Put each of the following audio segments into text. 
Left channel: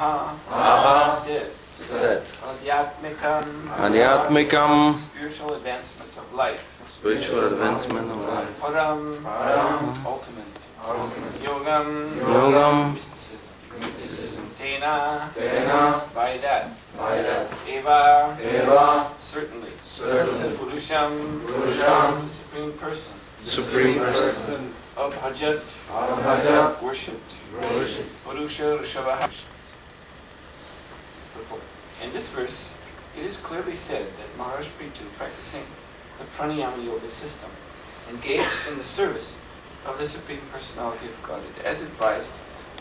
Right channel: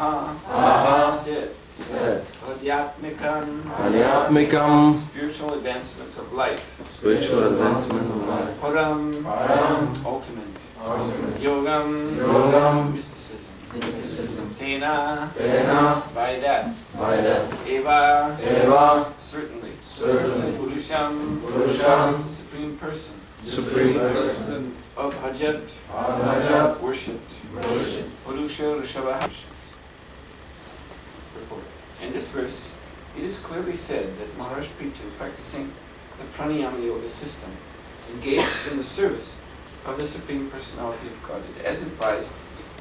Aha. Sit. Adhyatmikam. Spiritual advancement of life. Param. Ultimate. Yogam. Mysticism. Tena. By that. Eva. Certainly. Purusham. The Supreme Person. Abhajat. Worshipped. Purusha Rishabha. Report. In this verse, it is clearly said that Maharaj Prithu, practicing the Pranayama Yoga system, engaged in the service of the Supreme Personality of Godhead, as advised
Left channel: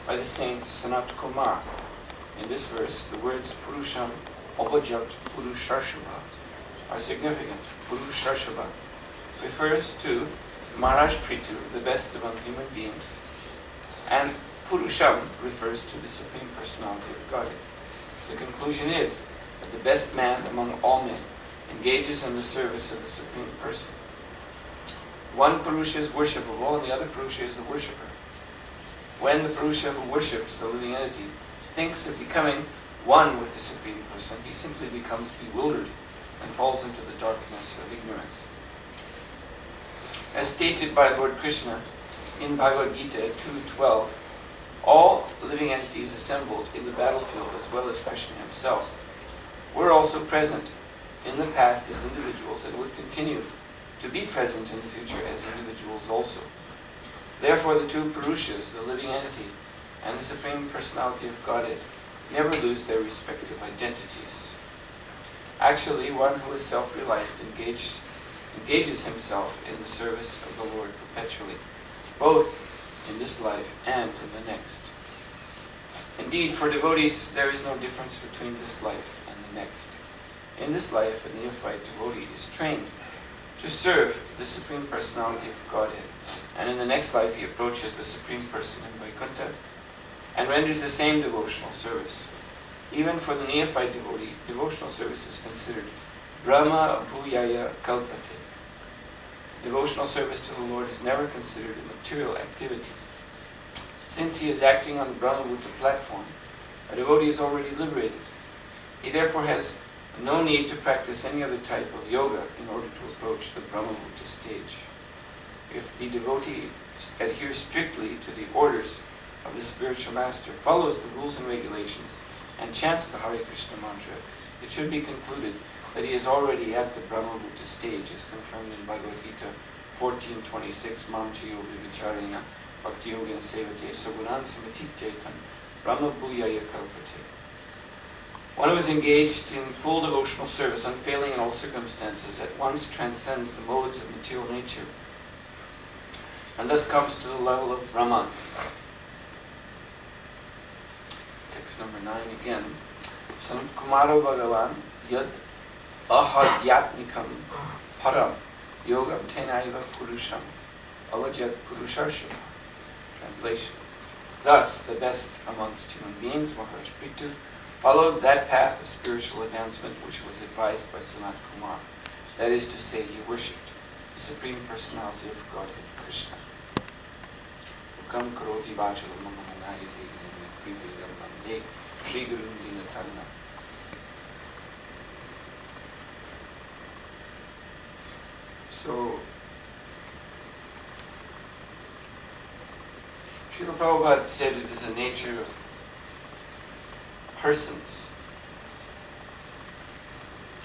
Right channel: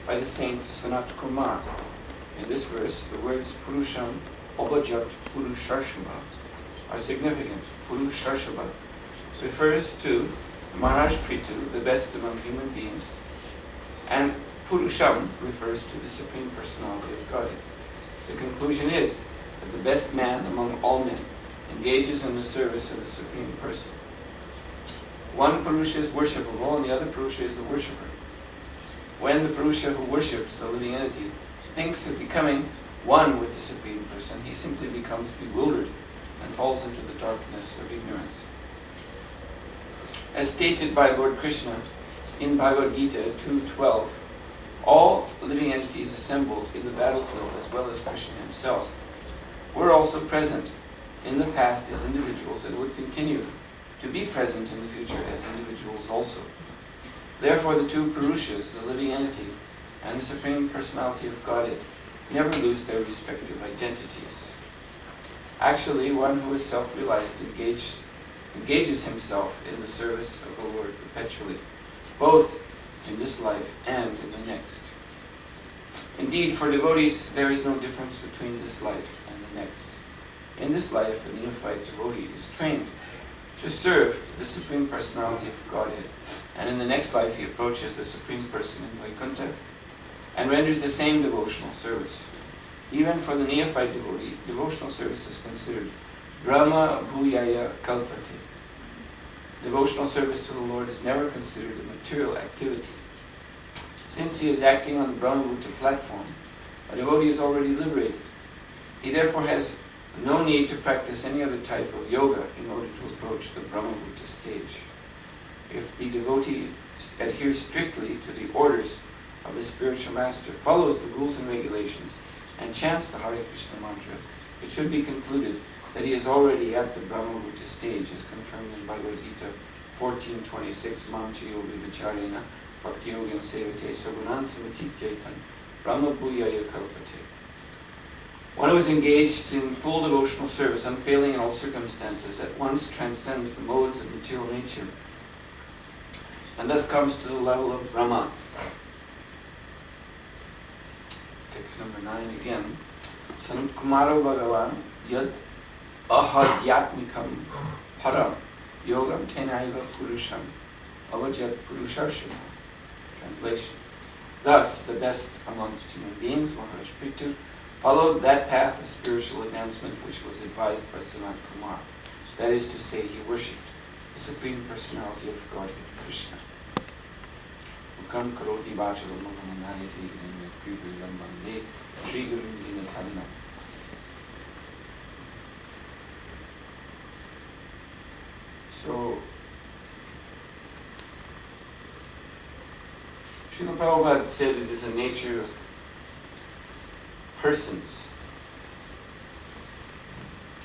by the saint Sanat Kumar. In this verse, the words Purusham, Abhajat, Purusharshabha are significant. Purusharshabha refers to Maharaj Prithu, the best among human beings, and Purusham refers to the Supreme Personality of Godhead. The conclusion is that the best man among all men engages in the service of the Supreme Person. One Purusha is worshipable and the other Purusha is the worshipper. When the Purusha who worships the living entity thinks of becoming one with the Supreme Person, he simply becomes bewildered and falls into the darkness of ignorance. As stated by Lord Krishna in Bhagavad Gita 2:12, all living entities assembled in the battlefield, as well as Krishna himself, were also present in the past as individuals and would continue to be present in the future as individuals also. Therefore, the two Purushas, the living entity and the Supreme Personality of Godhead, never lose their respective identities. Actually, one who is self-realized engages himself in the service of the Lord perpetually, both in this life and in the next. Indeed, for devotees, there is no difference between this life and the next. In this life, a neophyte devotee is trained to serve the Supreme Personality of Godhead, and in the next life he approaches the Supreme Person in Vaikuntha and renders the same devotional service. Even for the neophyte devotee, devotional service is considered Brahma Bhuyaya Kalpate. Devotional service to the Lord is never considered a material activity. Since he is acting on the Brahmabhuta platform, a devotee is already liberated. He therefore has no need to practice any other type of yoga in order to approach the Brahmabhuta stage. If the devotee adheres strictly to the orders of the spiritual master, follows the rules and regulations, and chants the Hare Krishna mantra, it should be concluded that he is already at the Brahmabhuta stage, as confirmed in Bhagavad Gita 14:26, Mancha yoga vicharena bhakti yoga sevate sagunan samatityetan Brahma bhuyaya kalpate. One who is engaged in full devotional service, unfailing in all circumstances, at once transcends the modes of material nature, and thus comes to the level of Brahma. Text number 9 again. Sanat Kumara Bhagavan Yad Ahadhyatmikam Param Yogam Tenaiva Purusham Avajat Purusharshabha. Translation. Thus, the best amongst human beings, Maharaj Prithu, followed that path of spiritual advancement which was advised by Sanat Kumar. That is to say, he worshipped the Supreme Personality of Godhead, Krishna. Ukam karoti bhachalam mangamanayati gnanya krivilam mande Shri Gurum Vinataranam. So, Srila Prabhupada said it is a nature of persons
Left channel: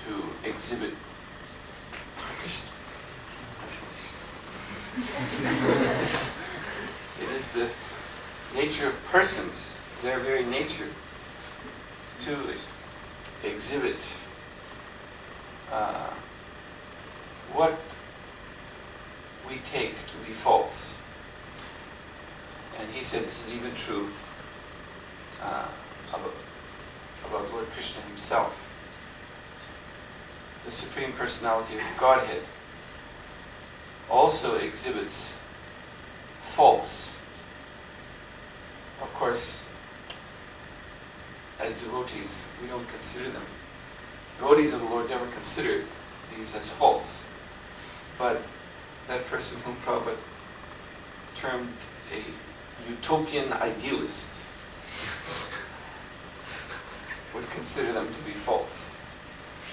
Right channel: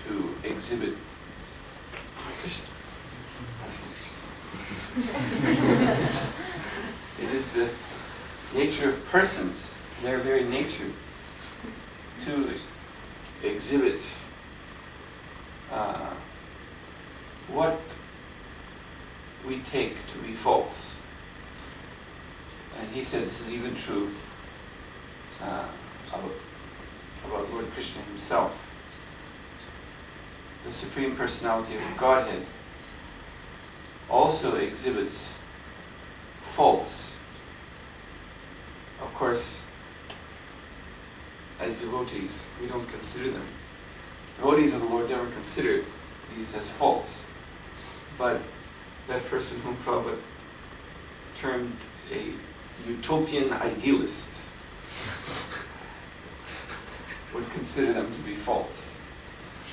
to exhibit it is the nature of persons, their very nature, to exhibit what we take to be false. And he said this is even true about Lord Krishna himself. The Supreme Personality of Godhead also exhibits faults. Of course, as devotees, we don't consider them. Devotees of the Lord never consider these as faults. But that person whom Prabhupada termed a utopian idealist would consider them to be false.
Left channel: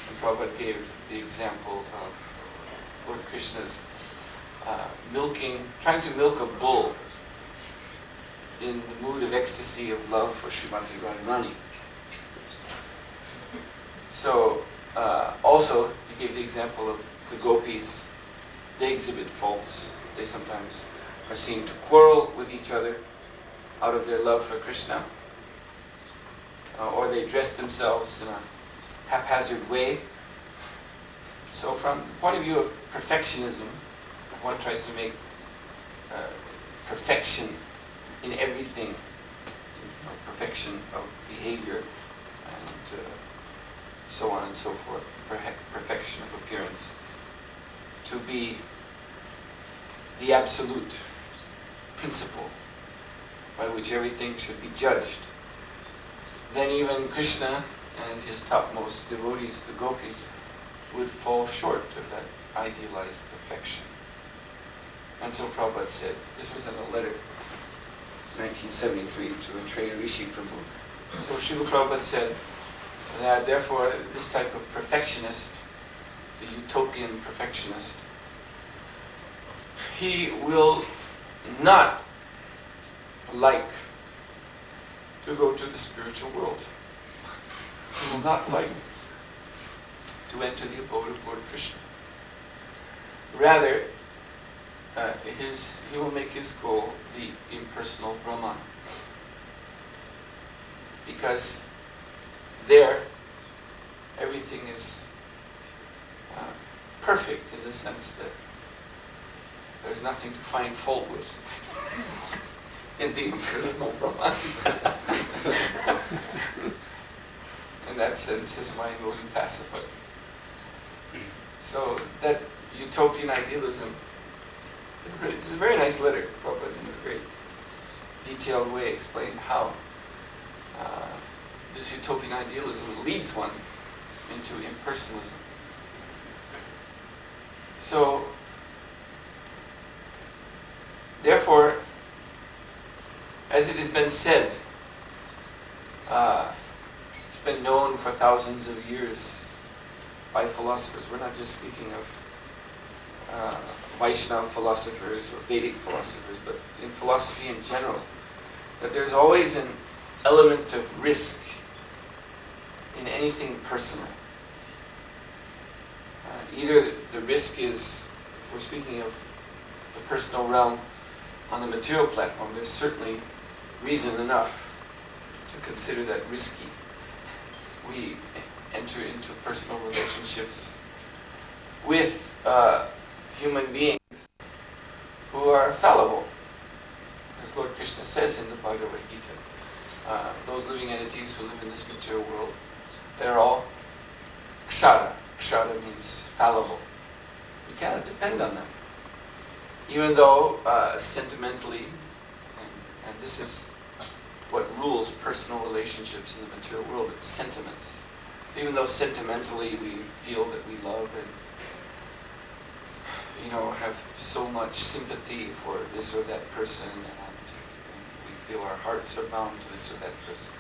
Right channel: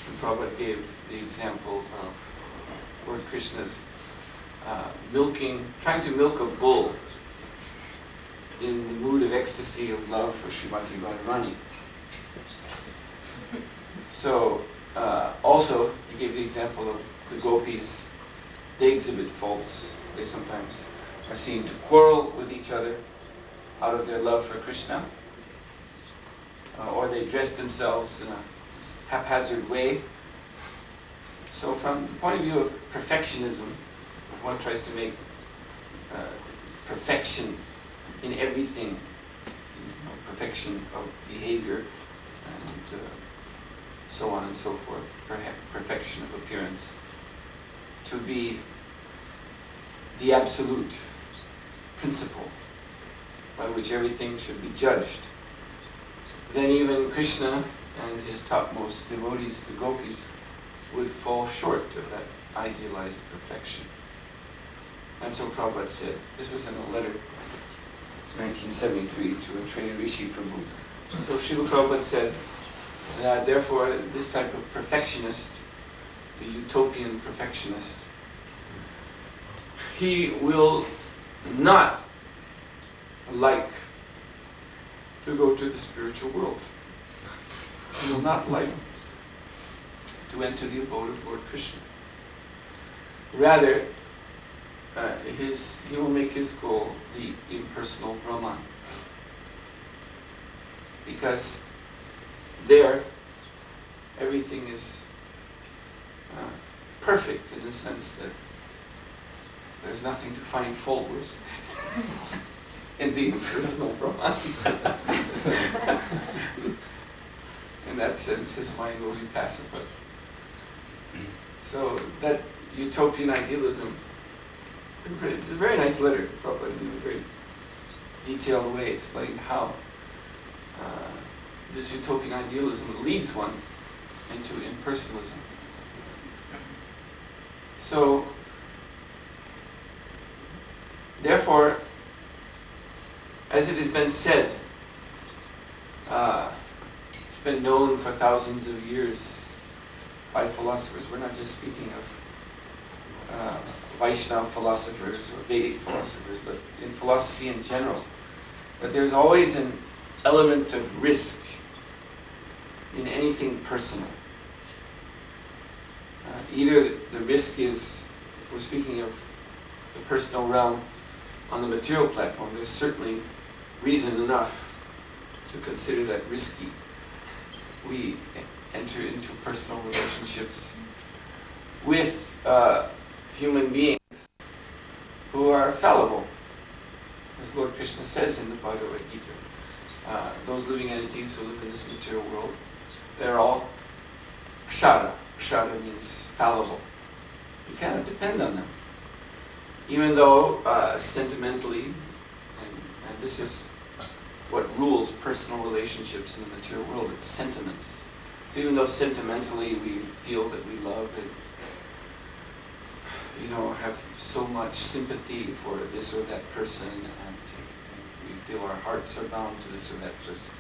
And Prabhupada gave the example of Lord Krishna's trying to milk a bull in the mood of ecstasy of love for Srimati Radharani. So, also, he gave the example of the gopis. They exhibit faults. They sometimes are seen to quarrel with each other out of their love for Krishna, or they dress themselves in a haphazard way. So from the point of view of perfectionism, if one tries to make perfection in everything, perfection of behavior, and so on and so forth, perfection of appearance, to be the absolute principle by which everything should be judged, then even Krishna and his topmost devotees, the gopis, would fall short of that idealized perfection. And so Prabhupada said, this was in a letter, 1973, to a trained Rishi Prabhu. So Srila Prabhupada said that therefore this type of perfectionist, the utopian perfectionist, he will not like to go to the spiritual world. He will not like to enter the abode of Lord Krishna. Rather, he will make his goal the impersonal Brahman. Because there, everything is perfect in the sense that there's nothing to find fault with in the impersonal Brahman. In that sense, his mind will be pacified. So that utopian idealism, it's a very nice letter, Prabhupada, in a very detailed way explained how this utopian idealism leads one into impersonalism. So, therefore, as it has been said, it's been known for thousands of years by philosophers. We're not just speaking of Vaishnava philosophers or Vedic philosophers, but in philosophy in general, that there's always an element of risk in anything personal. Either the risk is, if we're speaking of the personal realm on the material platform, there's certainly reason enough to consider that risky. We enter into personal relationships with human beings who are fallible. As Lord Krishna says in the Bhagavad Gita, those living entities who live in this material world, they're all kshara. Kshara means fallible. You cannot depend on them. Even though sentimentally, and this is what rules personal relationships in the material world, it's sentiments. So even though sentimentally we feel that we love and have so much sympathy for this or that person, and we feel our hearts are bound to this or that person,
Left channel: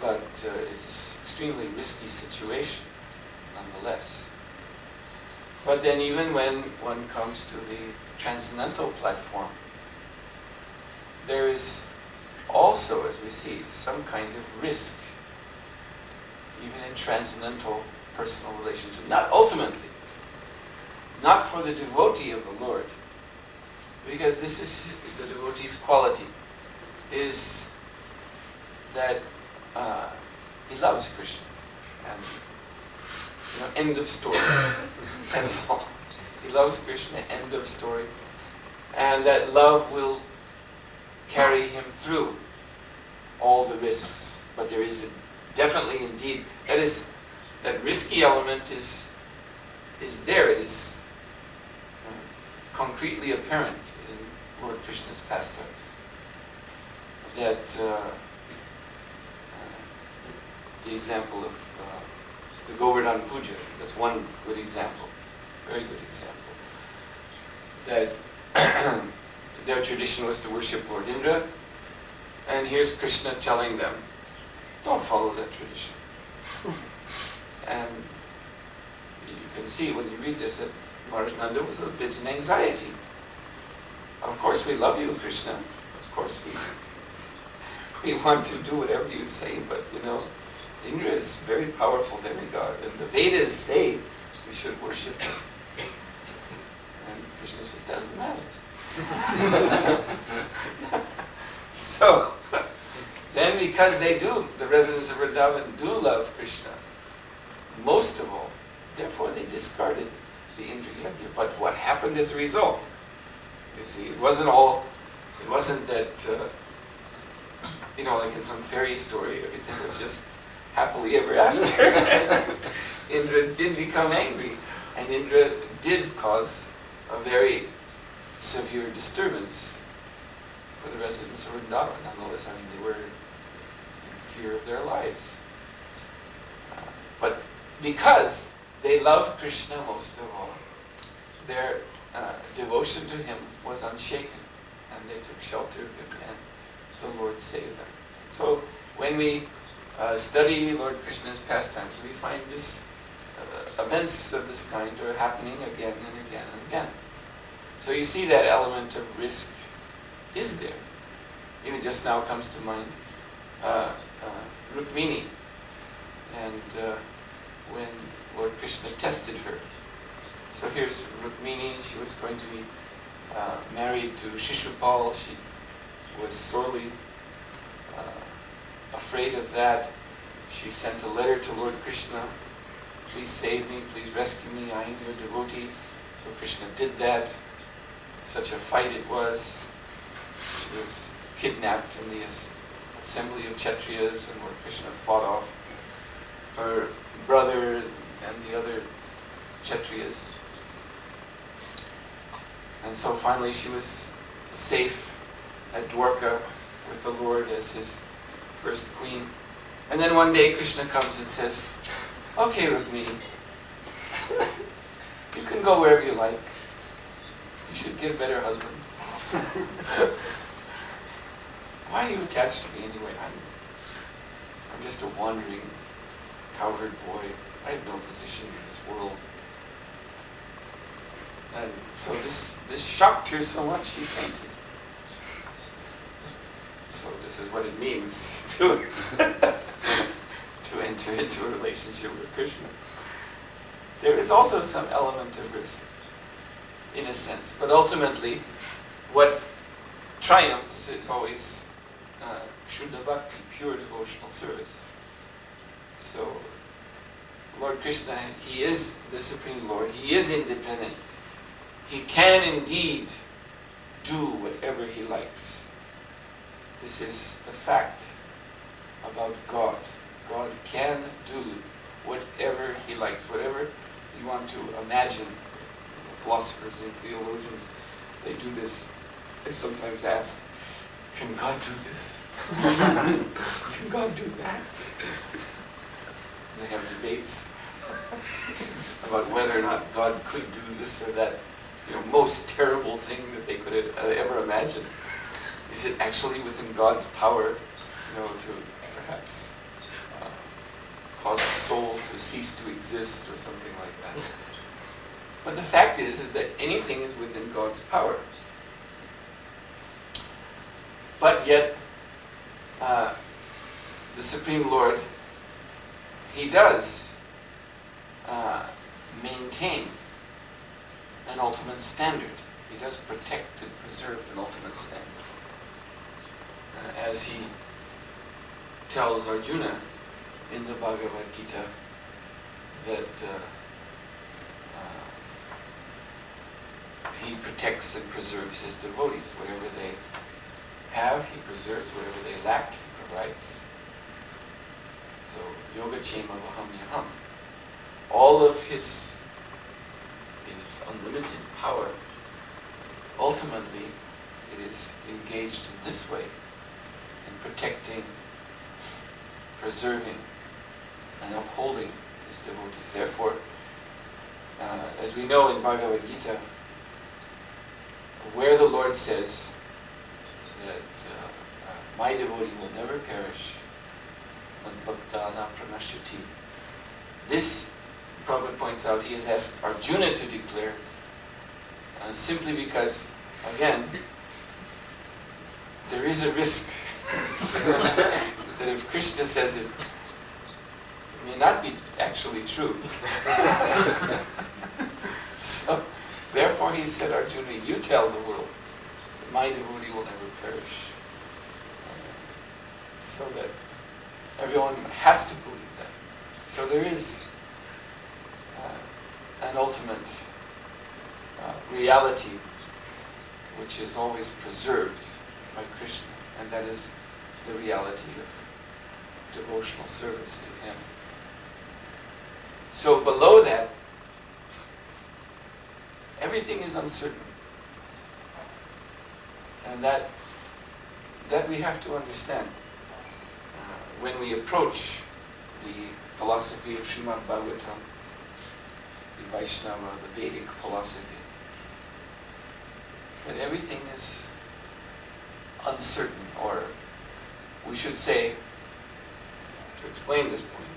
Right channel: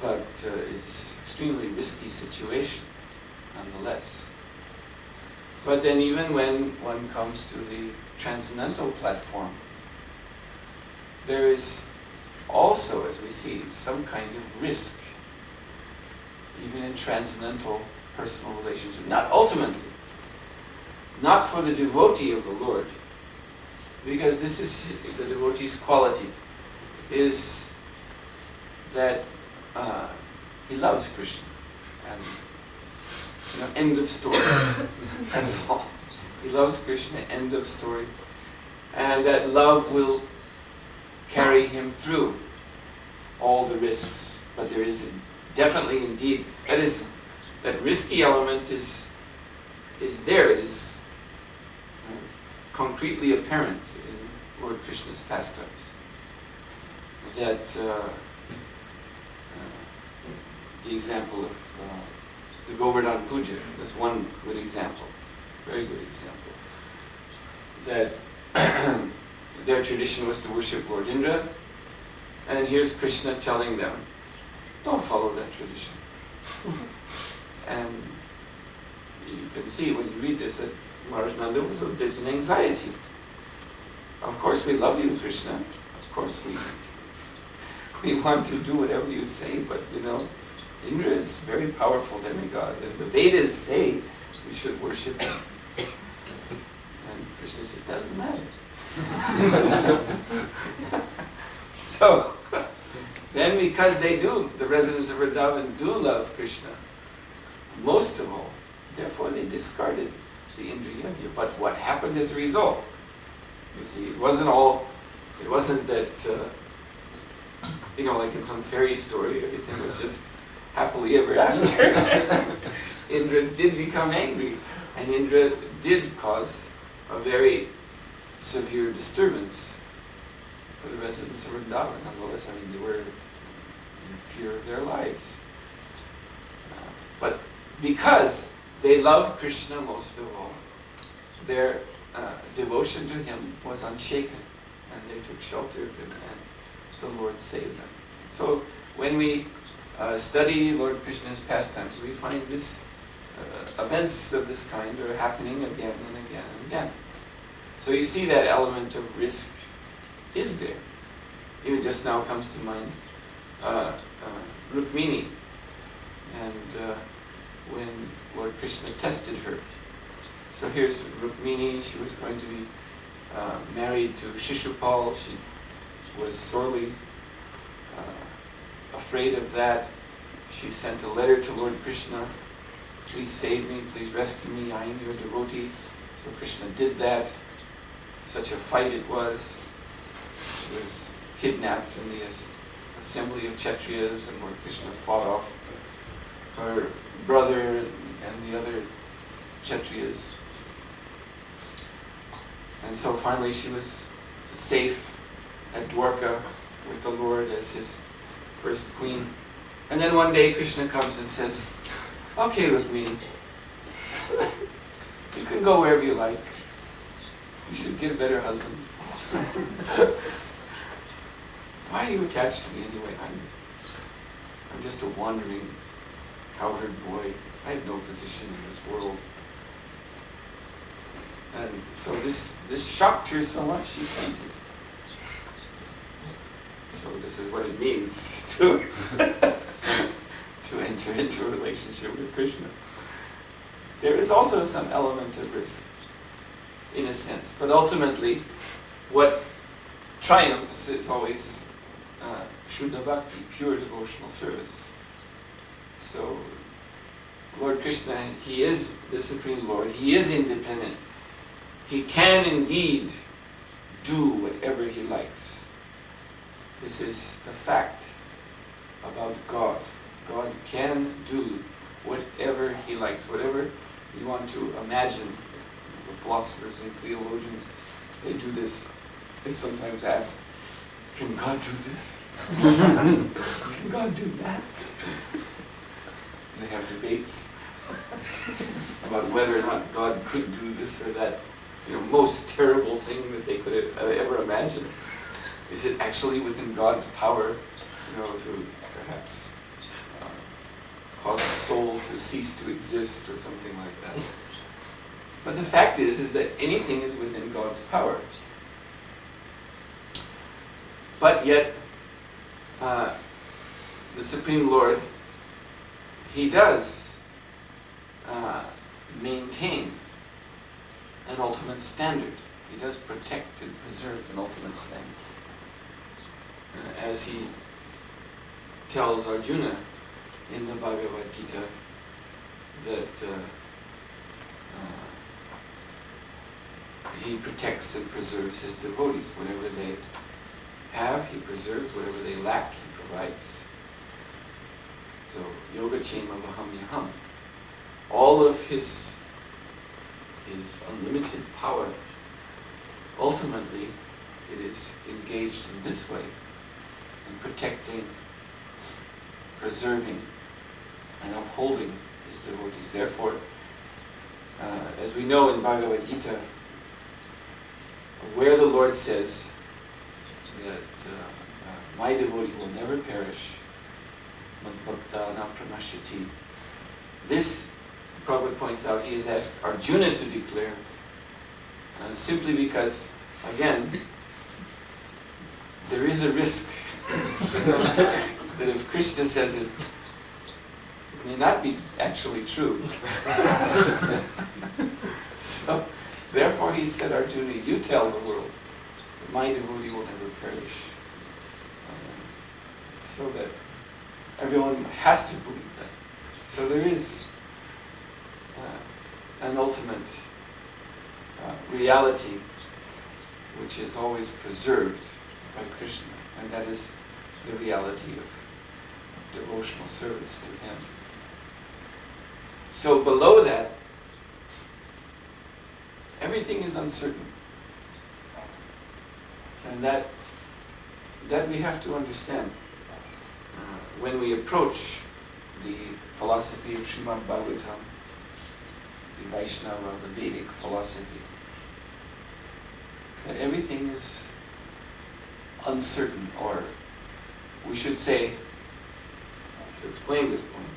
but it's an extremely risky situation nonetheless. But then even when one comes to the transcendental platform, there is also, as we see, some kind of risk, even in transcendental personal relationship. Not ultimately, not for the devotee of the Lord, because this is the devotee's quality, is that he loves Krishna, and end of story. That's all. He loves Krishna, end of story. And that love will carry him through all the risks. But there is definitely indeed, that risky element is there. It is concretely apparent in Lord Krishna's pastimes. That the example of the Govardhan Puja, that's one good example, very good example. That their tradition was to worship Lord Indra, and here's Krishna telling them don't follow that tradition. And you can see when you read this that Maharaj Nanda was a bit in anxiety. Of course we love you, Krishna. Of course we want to do whatever you say, but Indra is a very powerful demigod, and the Vedas say we should worship him. And Krishna says, doesn't matter. So, then because the residents of Vrindavan do love Krishna, most of all, therefore they discarded the Indra Yajna. But what happened as a result? You see, it wasn't that, like in some fairy story, everything was just happily ever after. Indra did become angry, and Indra did cause a very severe disturbance for the residents of Vrindavan. Nonetheless, they were in fear of their lives. But because they loved Krishna most of all, their devotion to him was unshaken, and they took shelter of him, and the Lord saved them. So when we study Lord Krishna's pastimes, we find this events of this kind are happening again and again and again. So you see that element of risk is there. Even just now comes to mind Rukmini, and when Lord Krishna tested her. So here's Rukmini. She was going to be married to Shishupal. She was sorely afraid of that. She sent a letter to Lord Krishna. Please save me, please rescue me, I am your devotee. So Krishna did that. Such a fight it was. She was kidnapped in the assembly of Kshatriyas, and Lord Krishna fought off her brother and the other Kshatriyas. And so finally she was safe at Dwarka with the Lord as his first queen. And then one day Krishna comes and says, okay, Rukmini, you can go wherever you like. You should get a better husband. Why are you attached to me anyway? I'm just a wandering cowherd boy. I have no position in this world. And so this shocked her so much she fainted. So this is what it means to enter into a relationship with Krishna. There is also some element of risk, in a sense, but ultimately what triumphs is always Shuddha Bhakti, pure devotional service. So Lord Krishna, he is the Supreme Lord, he is independent. He can indeed do whatever he likes. This is the fact about God. God can do whatever he likes, whatever you want to imagine. The philosophers and theologians, they do this. They sometimes ask, can God do this? Can God do that? And they have debates about whether or not God could do this or that, most terrible thing that they could ever imagine. Is it actually within God's power, to perhaps cause a soul to cease to exist or something like that? But the fact is that anything is within God's power. But yet, the Supreme Lord, he does maintain an ultimate standard. He does protect and preserve an ultimate standard. As he tells Arjuna in the Bhagavad Gita that he protects and preserves his devotees. Whatever they have, he preserves. Whatever they lack, he provides. So, Yogachema Vahamyaham. All of his unlimited power, ultimately, it is engaged in this way, in protecting, preserving, and upholding his devotees. Therefore, as we know in Bhagavad Gita, where the Lord says that my devotee will never perish, Madbhakta na pranashyati. This, Prabhupada points out, he has asked Arjuna to declare simply because, again, there is a risk that if Krishna says it, it may not be actually true. So, therefore he said, Arjuna, you tell the world that my devotee will never perish. So that everyone has to believe that. So there is an ultimate reality which is always preserved by Krishna, and that is the reality of devotional service to him. So below that, everything is uncertain. And that we have to understand. When we approach the philosophy of Srimad Bhagavatam, the Vaishnava, the Vedic philosophy, that everything is uncertain, or we should say, to explain this point,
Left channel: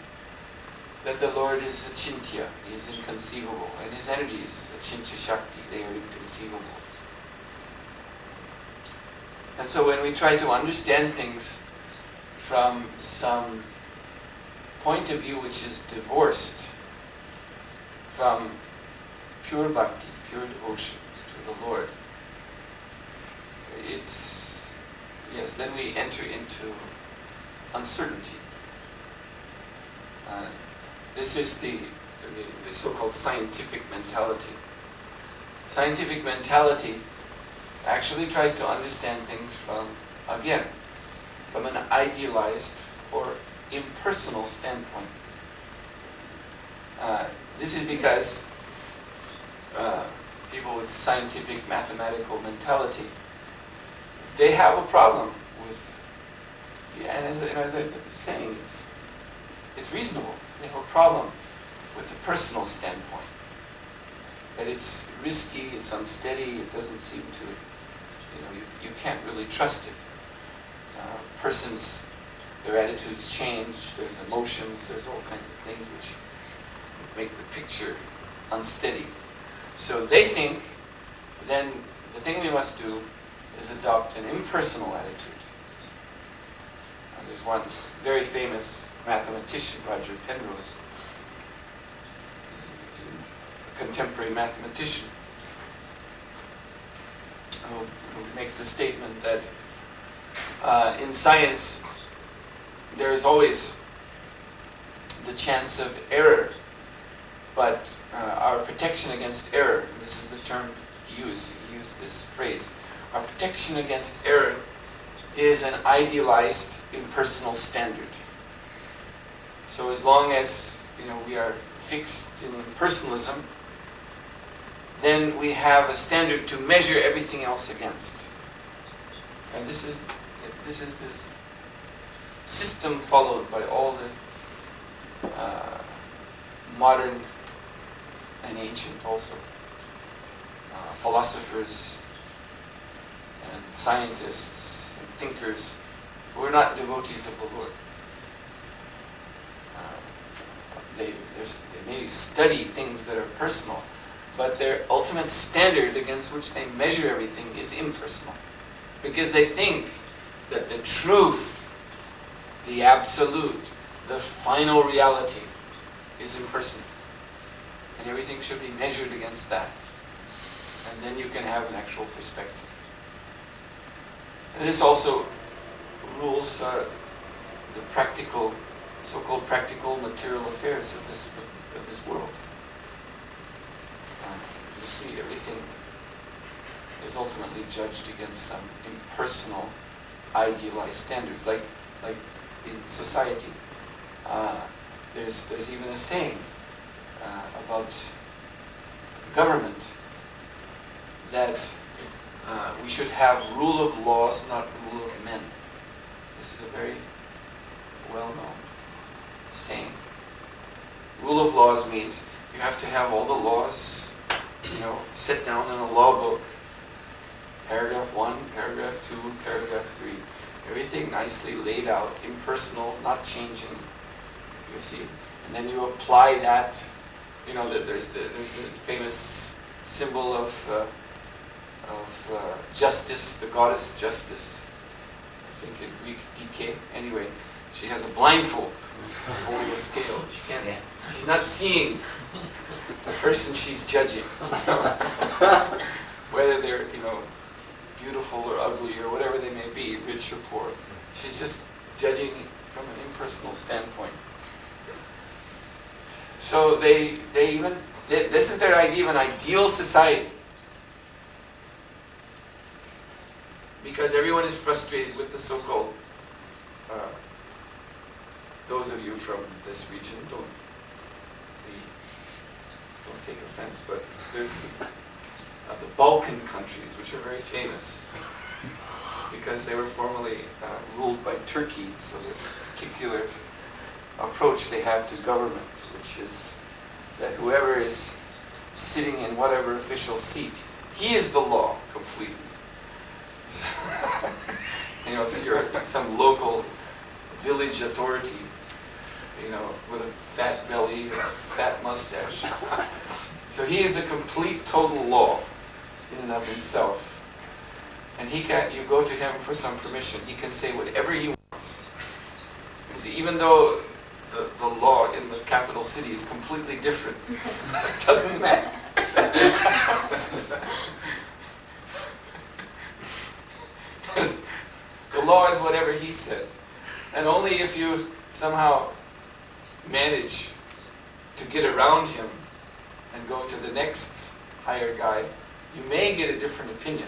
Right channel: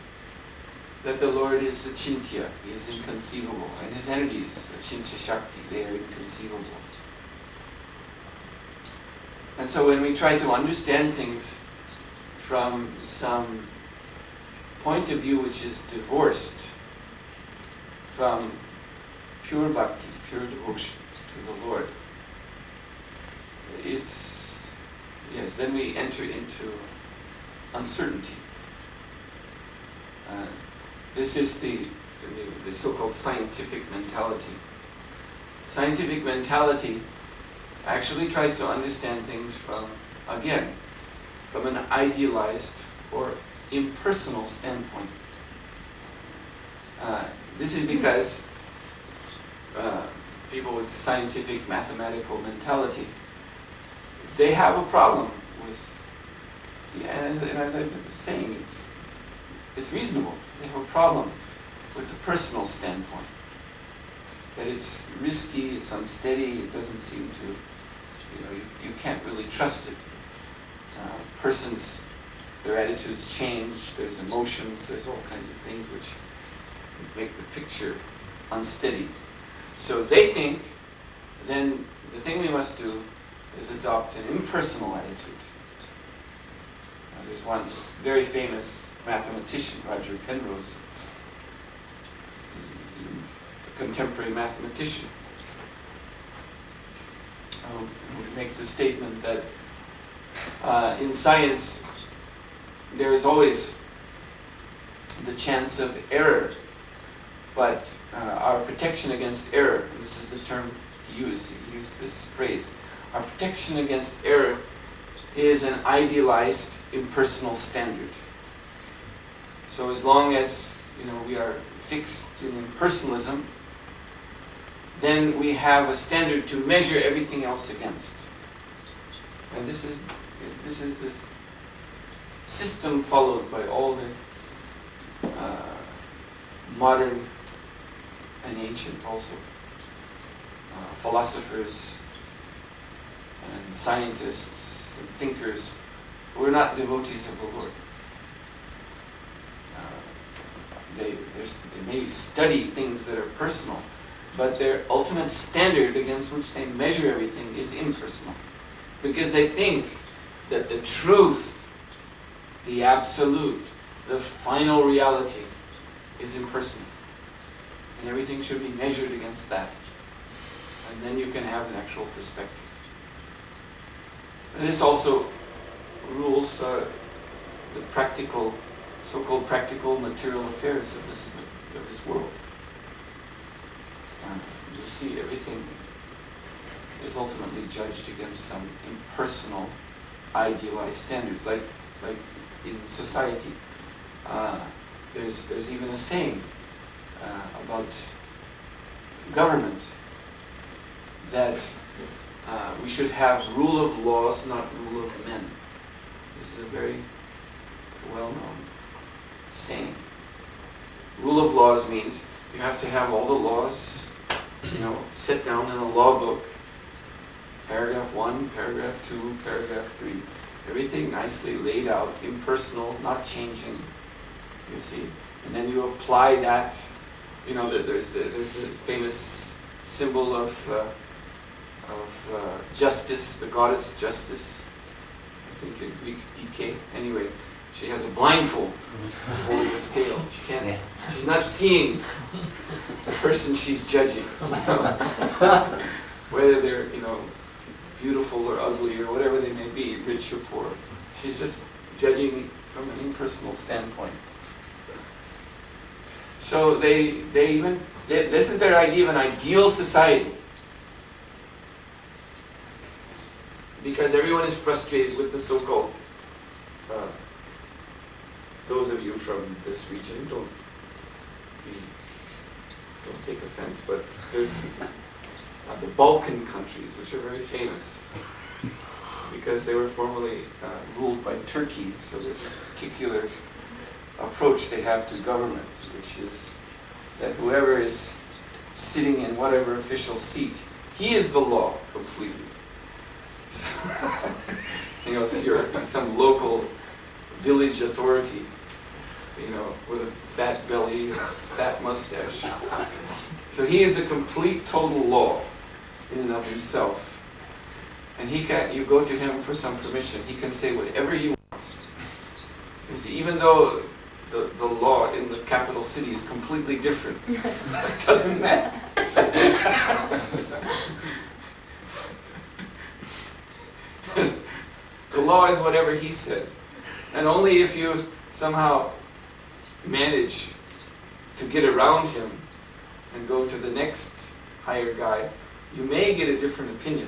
that the Lord is achintya, he is inconceivable, and his energies, achintya shakti, they are inconceivable. And so when we try to understand things from some point of view which is divorced from pure bhakti, pure devotion to the Lord, then we enter into uncertainty. This is the so-called scientific mentality. Scientific mentality actually tries to understand things from an idealized or impersonal standpoint. This is because people with scientific mathematical mentality, they have a problem with, and as I've been saying, it's reasonable. They have a problem with the personal standpoint. That it's risky, it's unsteady, it doesn't seem to, you can't really trust it. Persons, their attitudes change, there's emotions, there's all kinds of things which make the picture unsteady. So they think, then the thing we must do is adopt an impersonal attitude. There's one very famous mathematician, Roger Penrose. He's a contemporary mathematician who makes the statement that in science there is always the chance of error, but our protection against error, and this is the term he used this phrase, our protection against error is an idealized impersonal standard. So as long as we are fixed in impersonalism, then we have a standard to measure everything else against. And this is this system followed by all the modern and ancient also philosophers and scientists and thinkers who are not devotees of the Lord. They may study things that are personal, but their ultimate standard against which they measure everything is impersonal. Because they think that the truth, the absolute, the final reality is impersonal. And everything should be measured against that. And then you can have an actual perspective. And this also rules the practical, so-called practical material affairs of this world. You see, everything is ultimately judged against some impersonal, idealized standards. Like in society, there's even a saying about government that we should have rule of laws, not rule of men. This is a very well-known saying. Rule of laws means you have to have all the laws, set down in a law book. Paragraph 1, paragraph 2, paragraph 3. Everything nicely laid out, impersonal, not changing, you see. And then you apply that, there's the famous symbol of justice, the goddess Justice, I think in Greek Dike. Anyway, she has a blindfold holding a scale. She's not seeing the person she's judging. Whether they're, beautiful or ugly or whatever they may be, rich or poor. She's just judging from an impersonal standpoint. So this is their idea of an ideal society. Because everyone is frustrated with the so-called, those of you from this region, don't take offense, but there's the Balkan countries, which are very famous because they were formerly ruled by Turkey, so there's a particular approach they have to government, which is that whoever is sitting in whatever official seat, he is the law completely. So, so you're some local village authority, with a fat belly, a fat mustache. So he is the complete total law in and of himself. And you go to him for some permission. He can say whatever he wants. You see, even though the law in the capital city is completely different, it doesn't matter. The law is whatever he says. And only if you somehow manage to get around him and go to the next higher guy, you may get a different opinion.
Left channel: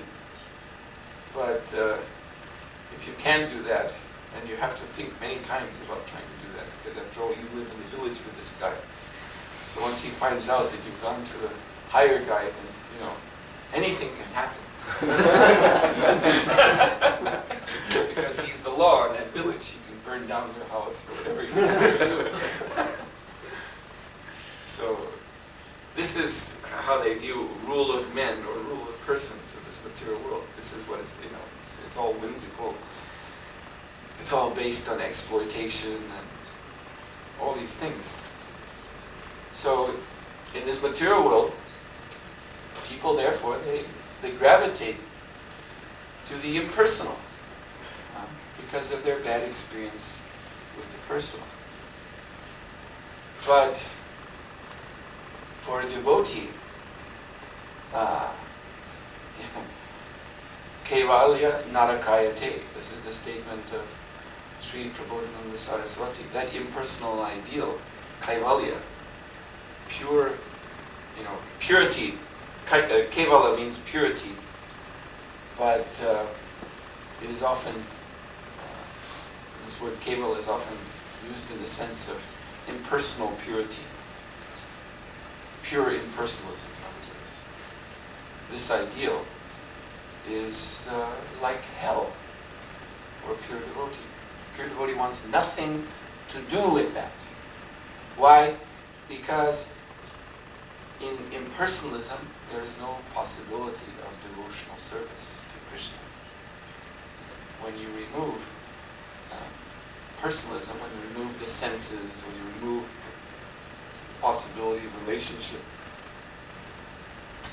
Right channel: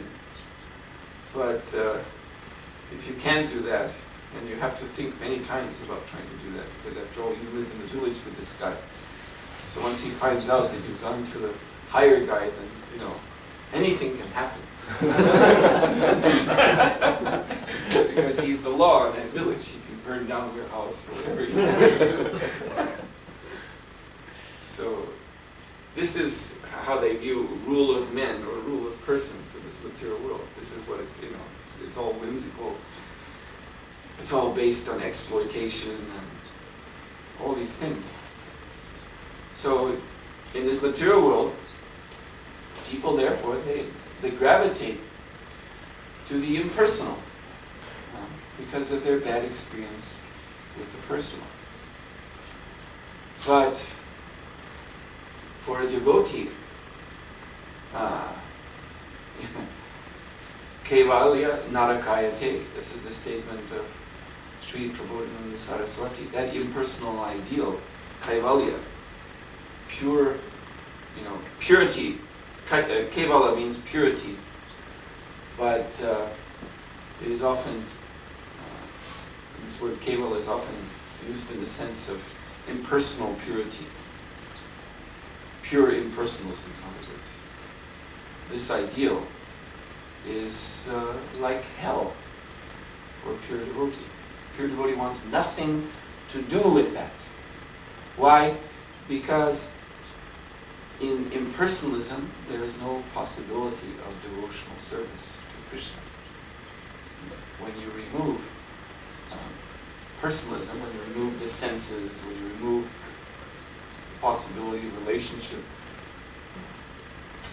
But if you can't do that, and you have to think many times about trying to do that, because after all, you live in the village with this guy. So once he finds out that you've gone to the higher guy, then, anything can happen. Because he's the law in that village. He can burn down your house or whatever he wants to do. So this is how they view rule of men or rule of persons in this material world. This is what it's all whimsical. It's all based on exploitation and all these things. So in this material world, people therefore, they gravitate to the impersonal because of their bad experience with the personal. But for a devotee, Kevalya Narakayate, this is the statement of Sri Prabodhananda Saraswati, that impersonal ideal, Kaivalya, pure, purity. Kevala means purity, but it is often, this word Kevala is often used in the sense of impersonal purity, pure impersonalism, in other words. This ideal is like hell for a pure devotee. Pure devotee wants nothing to do with that. Why? Because in impersonalism, there is no possibility of devotional service to Krishna. When you remove personalism, when you remove the senses, when you remove the possibility of relationship,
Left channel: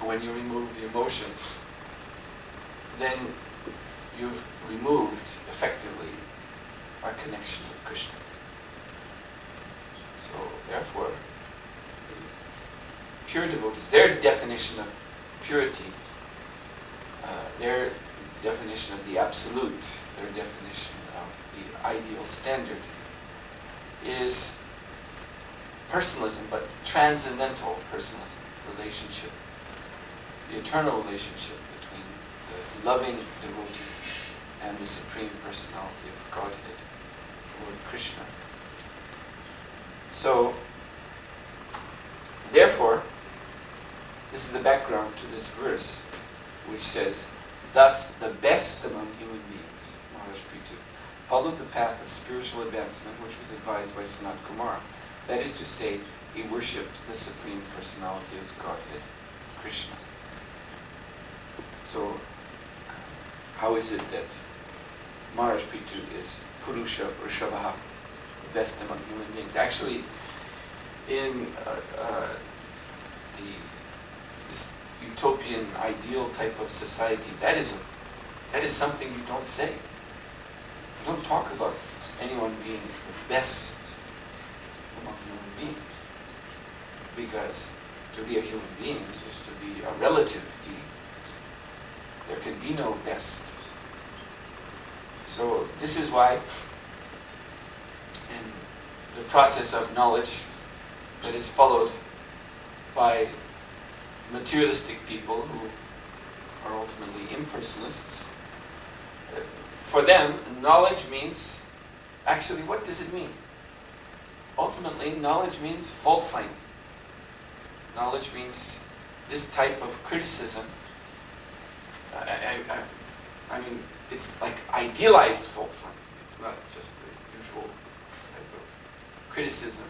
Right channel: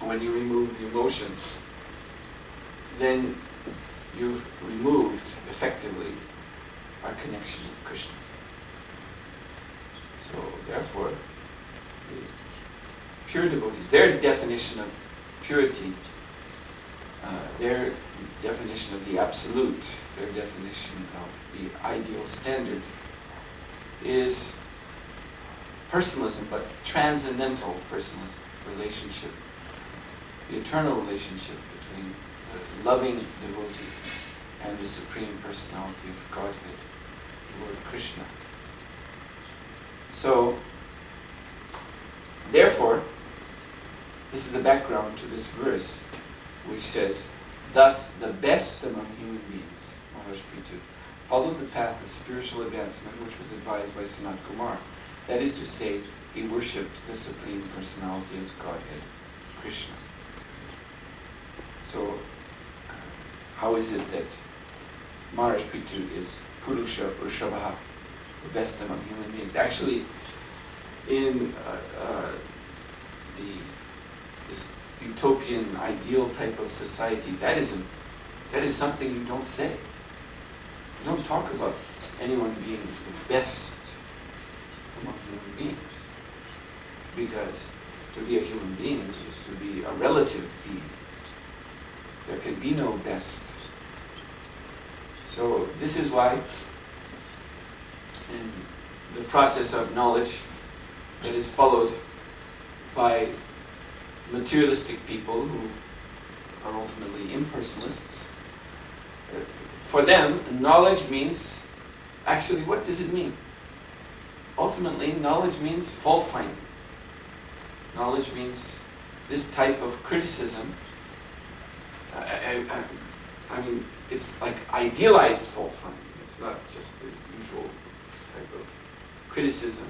when you remove the emotions, then you've removed, effectively, our connection with Krishna. So, therefore, the pure devotees, their definition of purity, their definition of the absolute, their definition of the ideal standard is personalism, but transcendental personalism, relationship, the eternal relationship between the loving devotee and the Supreme Personality of Godhead, Lord Krishna. So, therefore, this is the background to this verse, which says, "Thus the best among human beings," Maharaj Prithu, "followed the path of spiritual advancement which was advised by Sanat Kumar. That is to say, he worshipped the Supreme Personality of Godhead, Krishna." So, how is it that Maharaj Prithu is Purusha Vrishabha, the best among human beings. Actually, in this utopian ideal type of society, that is something you don't say. You don't talk about anyone being the best among human beings, because to be a human being is to be a relative being. There can be no best. So this is why in the process of knowledge that is followed by materialistic people who are ultimately impersonalists, for them, knowledge means, actually, what does it mean? Ultimately, knowledge means fault finding. Knowledge means this type of criticism. I mean, it's like idealized fault finding. It's not just the usual type of criticism,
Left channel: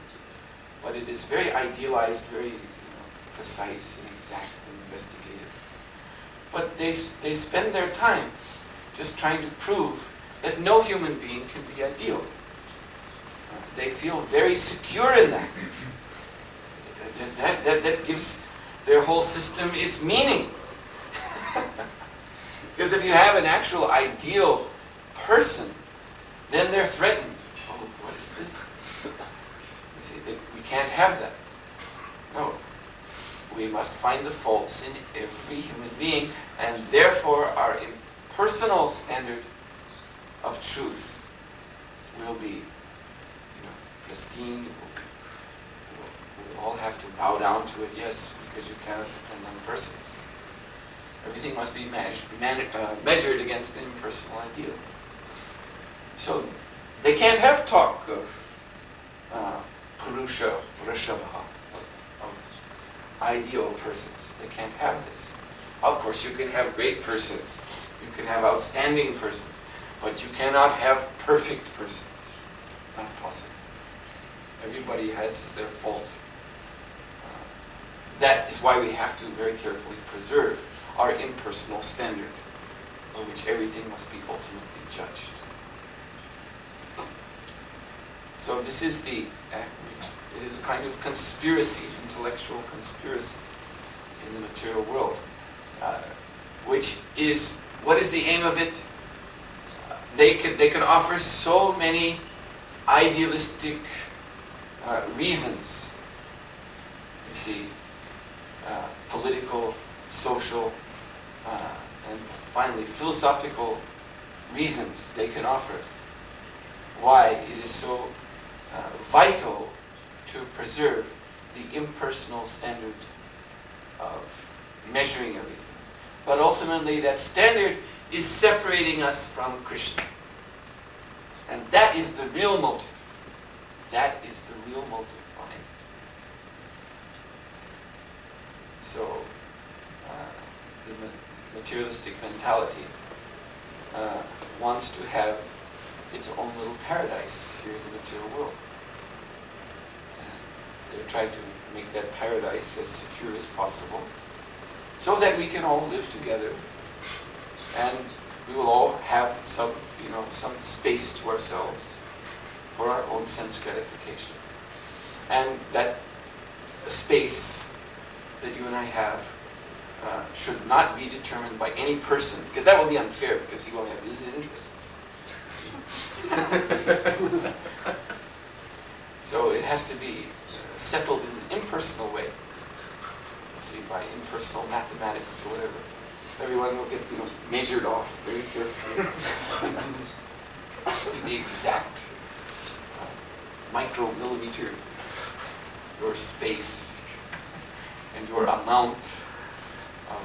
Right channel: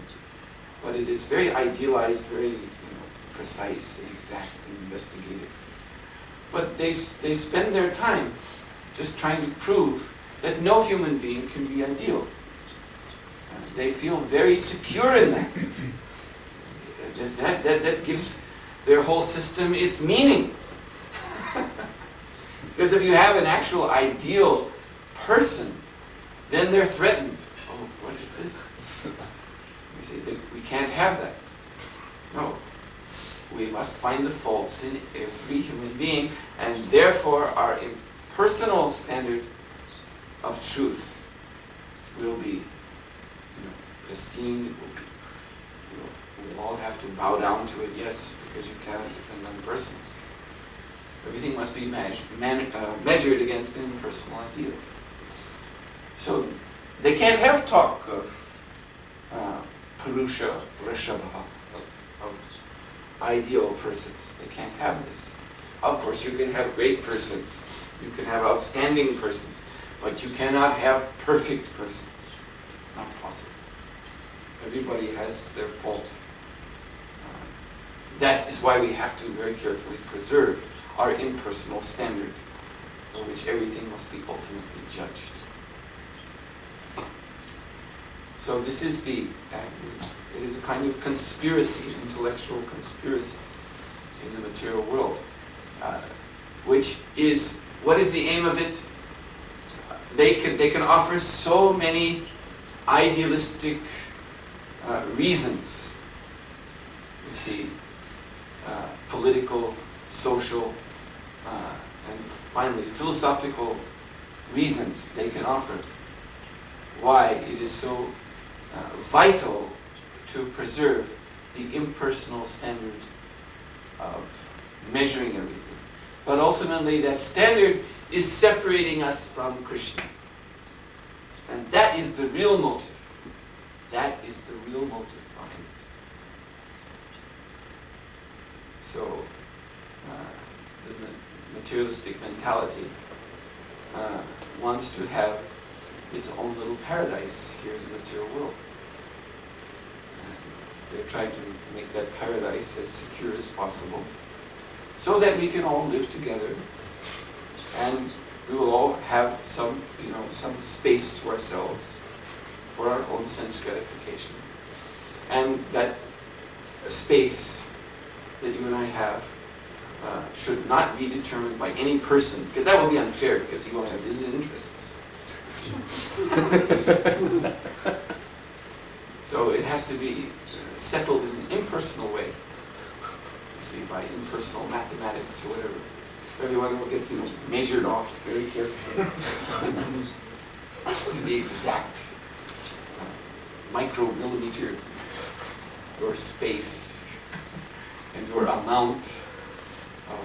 but it is very idealized, very precise and exact and investigative. But they spend their time just trying to prove that no human being can be ideal. They feel very secure in that. That gives their whole system its meaning. Because if you have an actual ideal person, then they're threatened. Oh, what is this? You see, we can't have that. No. We must find the faults in every human being, and therefore our impersonal standard of truth will be, pristine. We'll all have to bow down to it, yes, because you cannot depend on persons. Everything must be measured against an impersonal ideal. So they can't have talk of Purusha Vrishabha, of ideal persons. They can't have this. Of course, you can have great persons. You can have outstanding persons. But you cannot have perfect persons. Not possible. Everybody has their fault. That is why we have to very carefully preserve our impersonal standard, on which everything must be ultimately judged. So this is it is a kind of conspiracy, intellectual conspiracy in the material world, which is, what is the aim of it? They can offer so many idealistic reasons. You see, political, social, and finally philosophical reasons they can offer why it is so vital to preserve the impersonal standard of measuring everything. But ultimately that standard is separating us from Krishna. And that is the real motive. That is the real motive behind it. So, the materialistic mentality wants to have its own little paradise here in the material world. And they're trying to make that paradise as secure as possible so that we can all live together and we will all have some space to ourselves for our own sense gratification. And that space that you and I have should not be determined by any person, because that will be unfair, because he will have his interests. So it has to be settled in an impersonal way. You see, by impersonal mathematics or whatever. Everyone will get measured off very carefully to the exact micromillimeter, your space and your amount of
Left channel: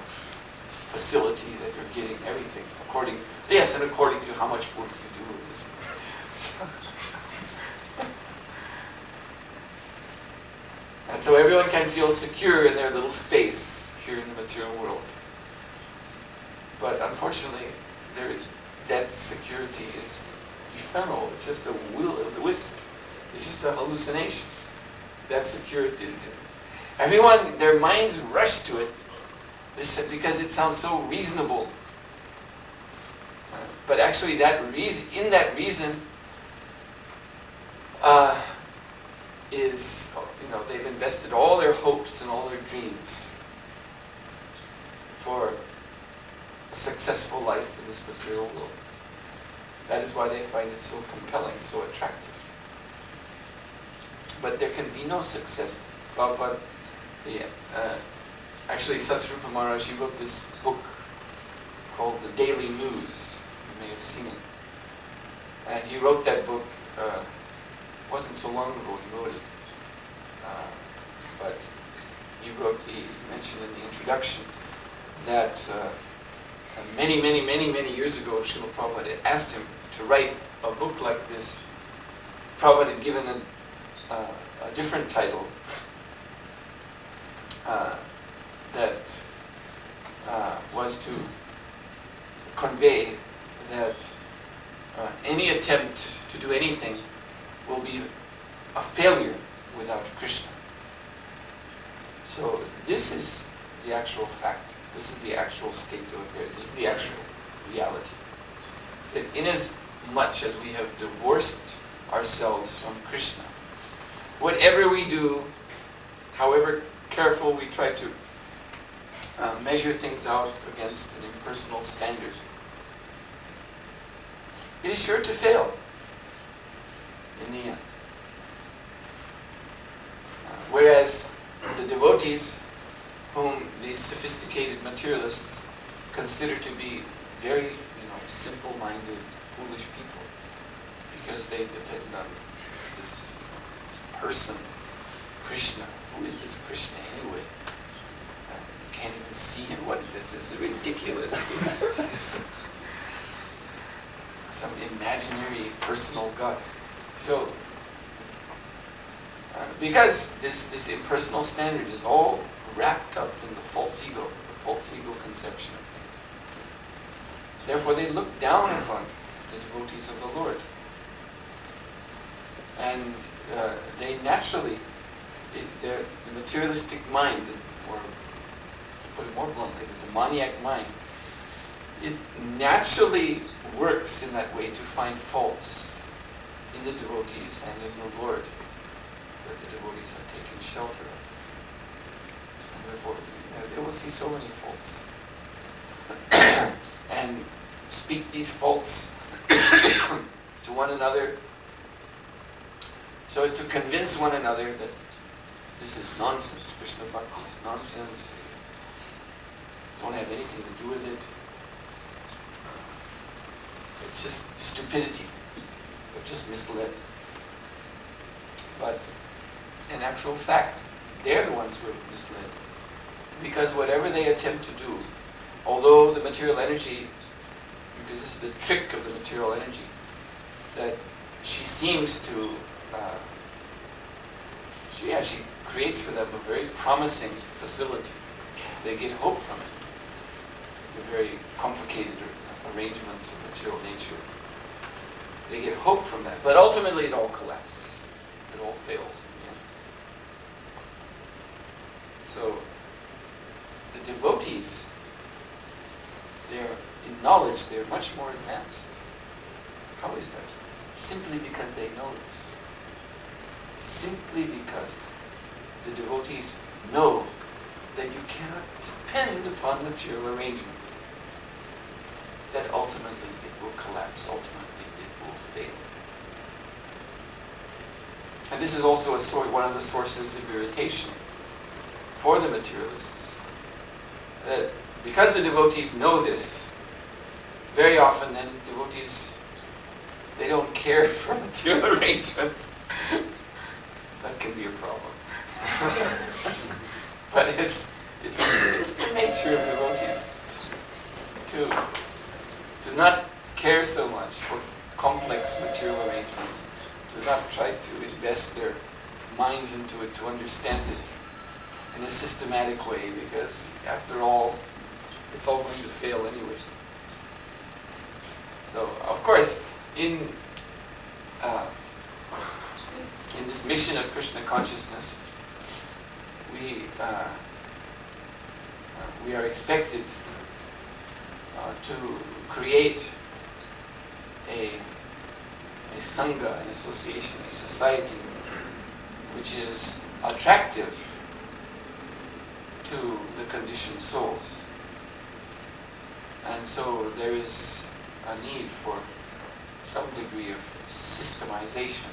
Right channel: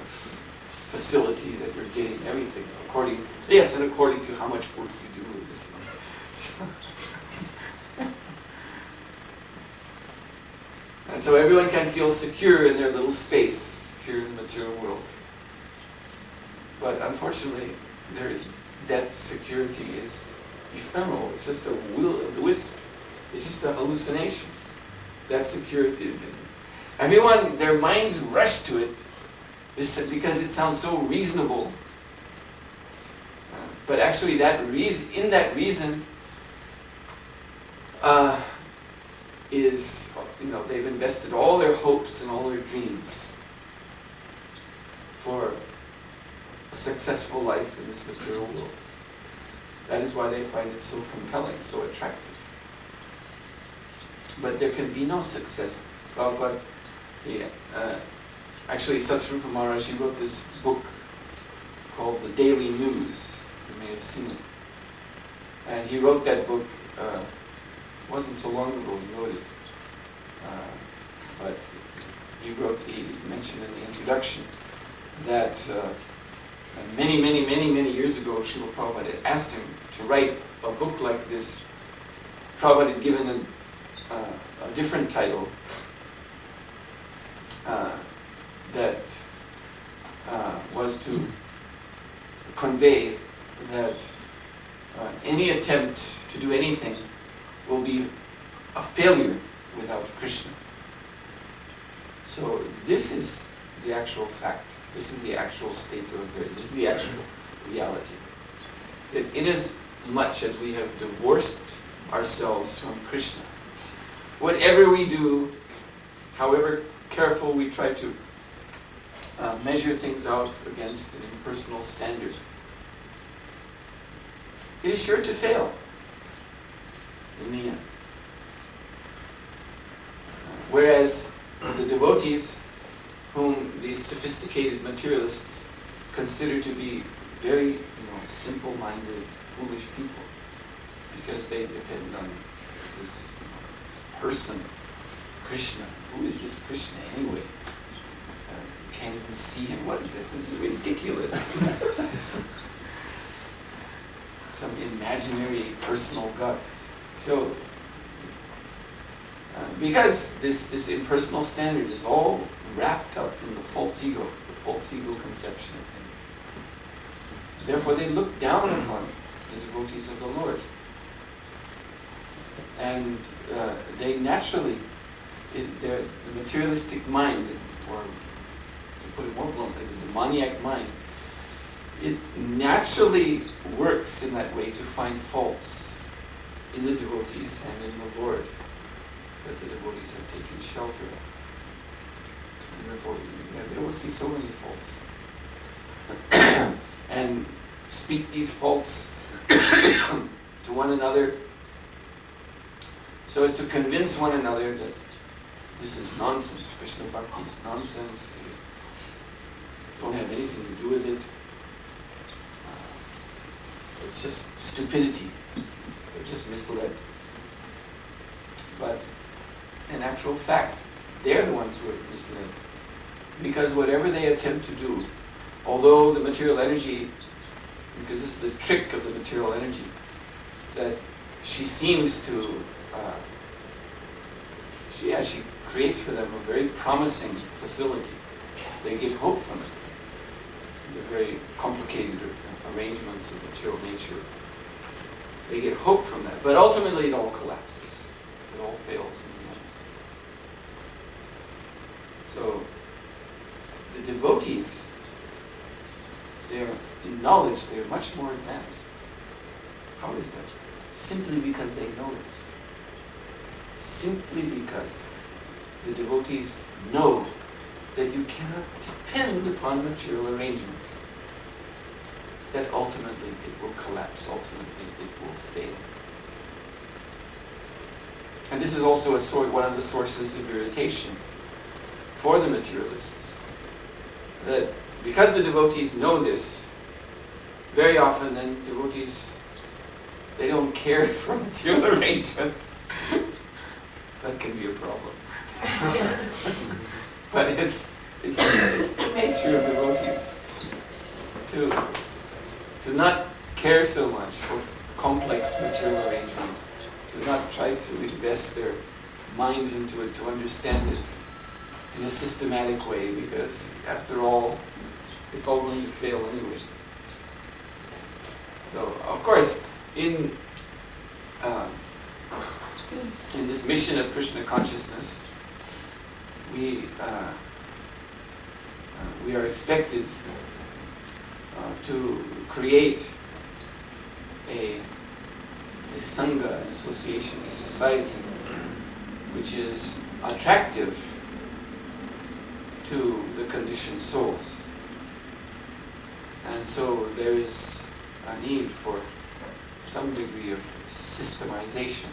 facility that you're getting, everything according to how much work you do with this. And so everyone can feel secure in their little space here in the material world. But unfortunately, that security is ephemeral. It's just a will of the wisp. It's just a hallucination. That security. Everyone, their minds rush to it because it sounds so reasonable. But actually that reason, in that reason, is, they've invested all their hopes and all their dreams for a successful life in this material world. That is why they find it so compelling, so attractive. But there can be no success. Actually, Satsrupa Maharaj, he wrote this book called The Daily News. You may have seen it. And he wrote that book, it wasn't so long ago he wrote it. But he mentioned in the introduction that many years ago, Srila Prabhupada had asked him to write a book like this. Prabhupada had given a different title that was to convey that any attempt to do anything will be a failure without Krishna. So this is the actual fact. This is the actual state of affairs. This is the actual reality. That inasmuch as we have divorced ourselves from Krishna, whatever we do, however careful we try to measure things out against an impersonal standard, it is sure to fail in the end. Whereas the devotees, whom these sophisticated materialists consider to be very, simple-minded, foolish people, because they depend on this person, Krishna. Who is this Krishna anyway? You can't even see him. What is this? This is ridiculous. Some imaginary personal God. So, because this impersonal standard is all wrapped up in the false ego conception of things. Therefore, they look down upon the devotees of the Lord. And they naturally, the materialistic mind, or to put it more bluntly, the demoniac mind, it naturally works in that way to find faults in the devotees and in the Lord that the devotees have taken shelter of. And therefore, they will see so many faults. And speak these faults to one another so as to convince one another that this is nonsense. Krishna Bhakti is nonsense. You don't have anything to do with it. It's just stupidity. We're just misled. But in actual fact, they're the ones who are misled. Because whatever they attempt to do, although the material energy, because this is the trick of the material energy, that she seems to, she creates for them a very promising facility. They get hope from it. The very complicated arrangements of material nature. They get hope from that. But ultimately it all collapses. It all fails in the end. So the devotees, in knowledge, they're much more advanced. How is that? Simply because they know this. Simply because the devotees know that you cannot depend upon material arrangement. That ultimately it will collapse, ultimately it will fail. And this is also one of the sources of irritation for the materialists. That because the devotees know this, very often then devotees, they don't care for material arrangements. That can be a problem. But it's the nature of devotees to not care so much for complex material arrangements, to not try to invest their minds into it, to understand it in a systematic way, because after all, it's all going to fail anyway. So, of course, in this mission of Krishna consciousness, we are expected to create a sangha, an association, a society which is attractive to the conditioned souls. And so there is a need for some degree of systemization,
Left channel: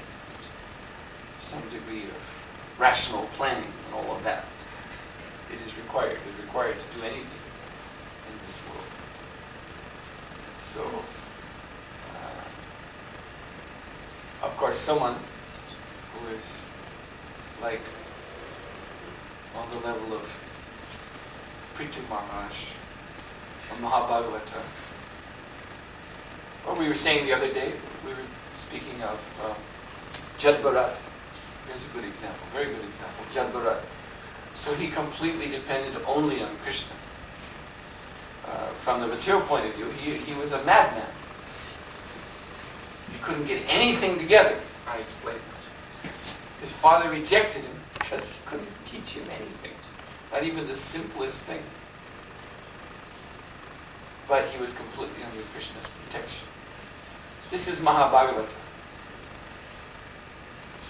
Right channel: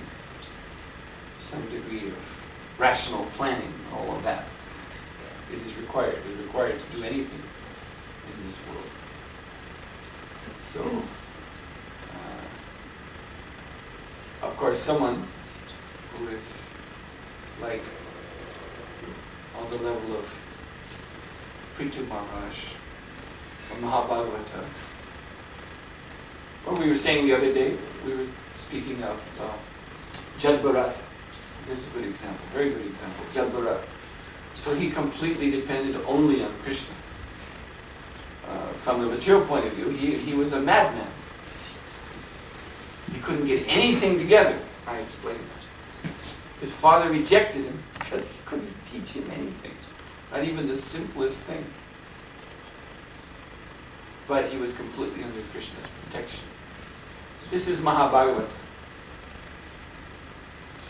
some degree of rational planning and all of that. It is required. It is required to do anything in this world. So, of course, someone who is like on the level of Prithu Maharaj or Mahabhagavata, or we were saying the other day, we were speaking of Jad Bharat. Here's a good example, very good example, Jad Bharat. So he completely depended only on Krishna. From the material point of view, he was a madman. He couldn't get anything together. I explained that. His father rejected him because he couldn't teach him anything, not even the simplest thing. But he was completely under Krishna's protection. This is Mahabhagavata.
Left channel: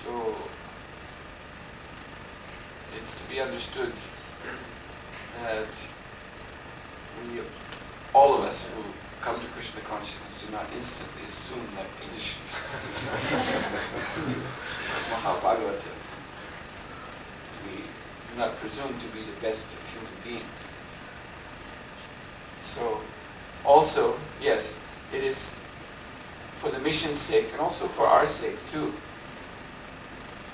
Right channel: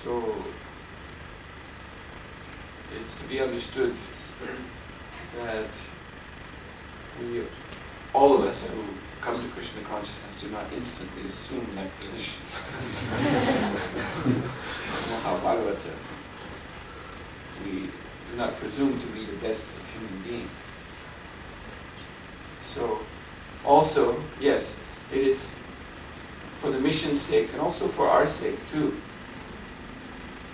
So it's to be understood that we, all of us who come to Krishna consciousness, do not instantly assume that position. Mahabhagavata. We do not presume to be the best of human beings. So, also, yes, it is for the mission's sake and also for our sake too,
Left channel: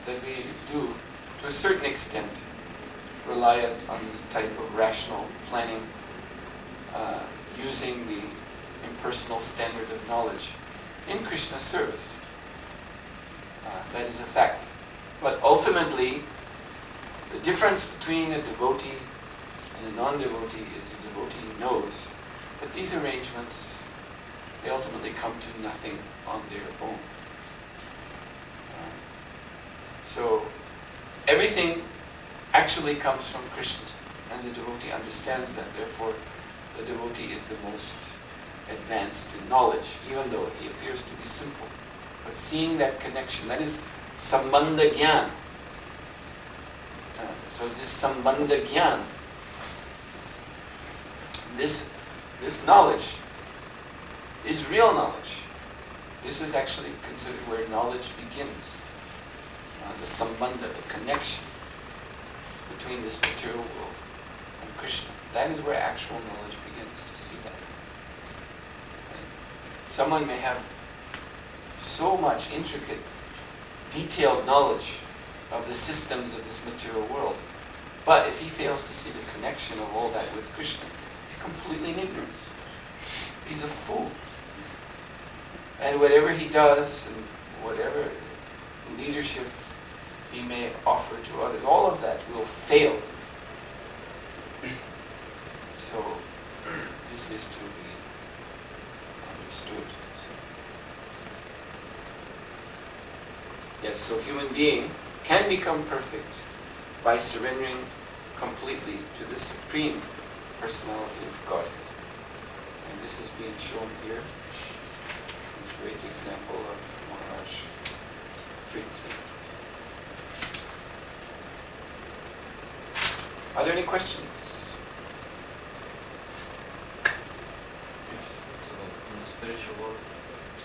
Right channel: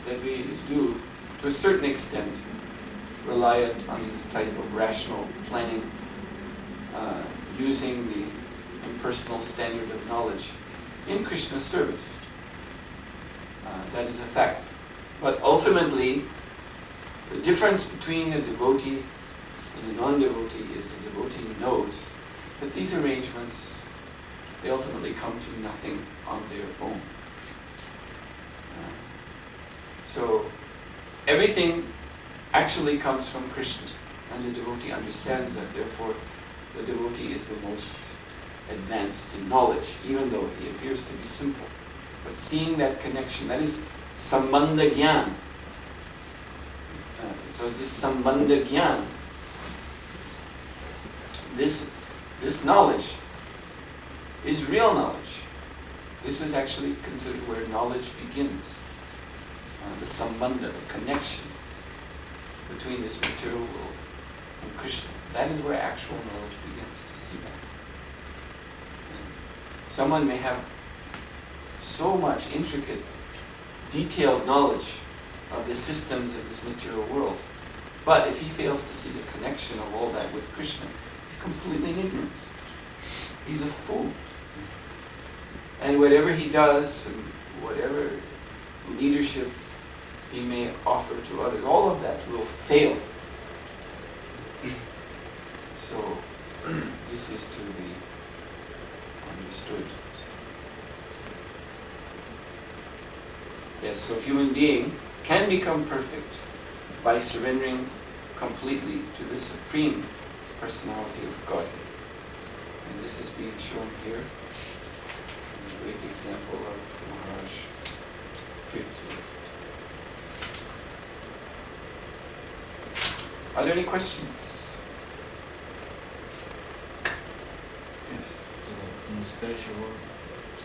that we do, to a certain extent, rely on this type of rational planning, using the impersonal standard of knowledge in Krishna's service. That is a fact. But ultimately, the difference between a devotee and a non-devotee is the devotee knows that these arrangements, they ultimately come to nothing on their own. So everything actually comes from Krishna, and the devotee understands that. Therefore, the devotee is the most advanced in knowledge, even though he appears to be simple. But seeing that connection, that is sambandha gyan. So this sambandha gyan, this knowledge is real knowledge. This is actually considered where knowledge begins. The sambandha, the connection between this material world and Krishna. That is where actual knowledge begins, to see that. And someone may have so much intricate, detailed knowledge of the systems of this material world, but if he fails to see the connection of all that with Krishna, he's completely in ignorance. He's a fool. And whatever he does, and whatever leadership he may offer to others, all of that will fail. So, this is to be understood. Yes, so a human being can become perfect by surrendering completely to the Supreme Personality of Godhead. And this is being shown here in the great example of Maharaj Prithu. Are there any questions? Yes. So in the spiritual world,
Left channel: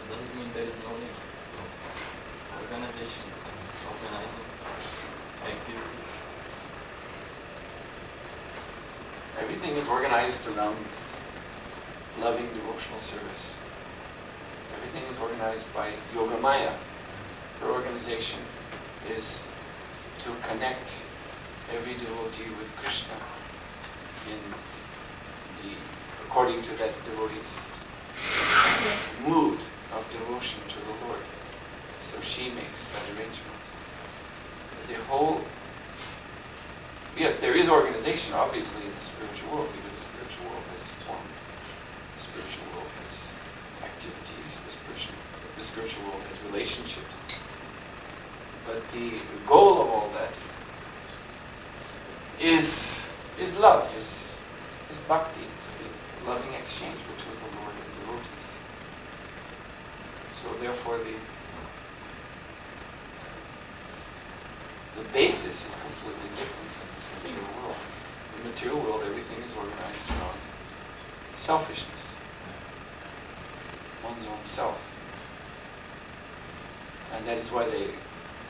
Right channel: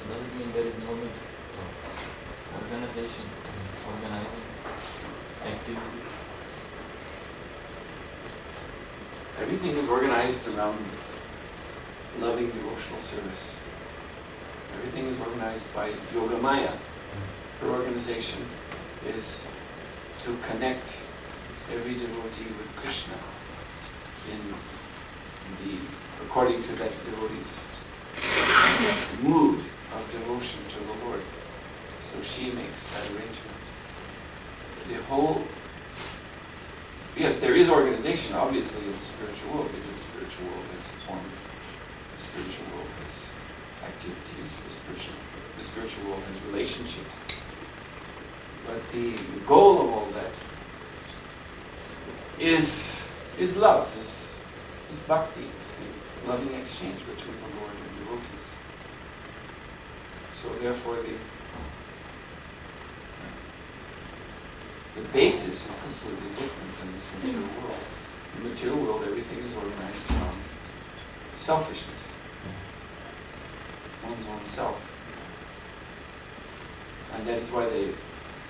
does it mean there is no need of organization and organizing activities? Everything is organized around loving devotional service. Everything is organized by Yoga Maya. Her organization is to connect every devotee with Krishna according to that devotee's mood of devotion to the Lord. So she makes that arrangement. Yes, there is organization, obviously, in the spiritual world, because the spiritual world has formed, the spiritual world has activities, the spiritual world has relationships. But the goal of all that is love, is bhakti, is the loving exchange between the Lord and devotees. therefore the basis is completely different than this material world. In the material world, everything is organized around selfishness, one's own self. And that is why they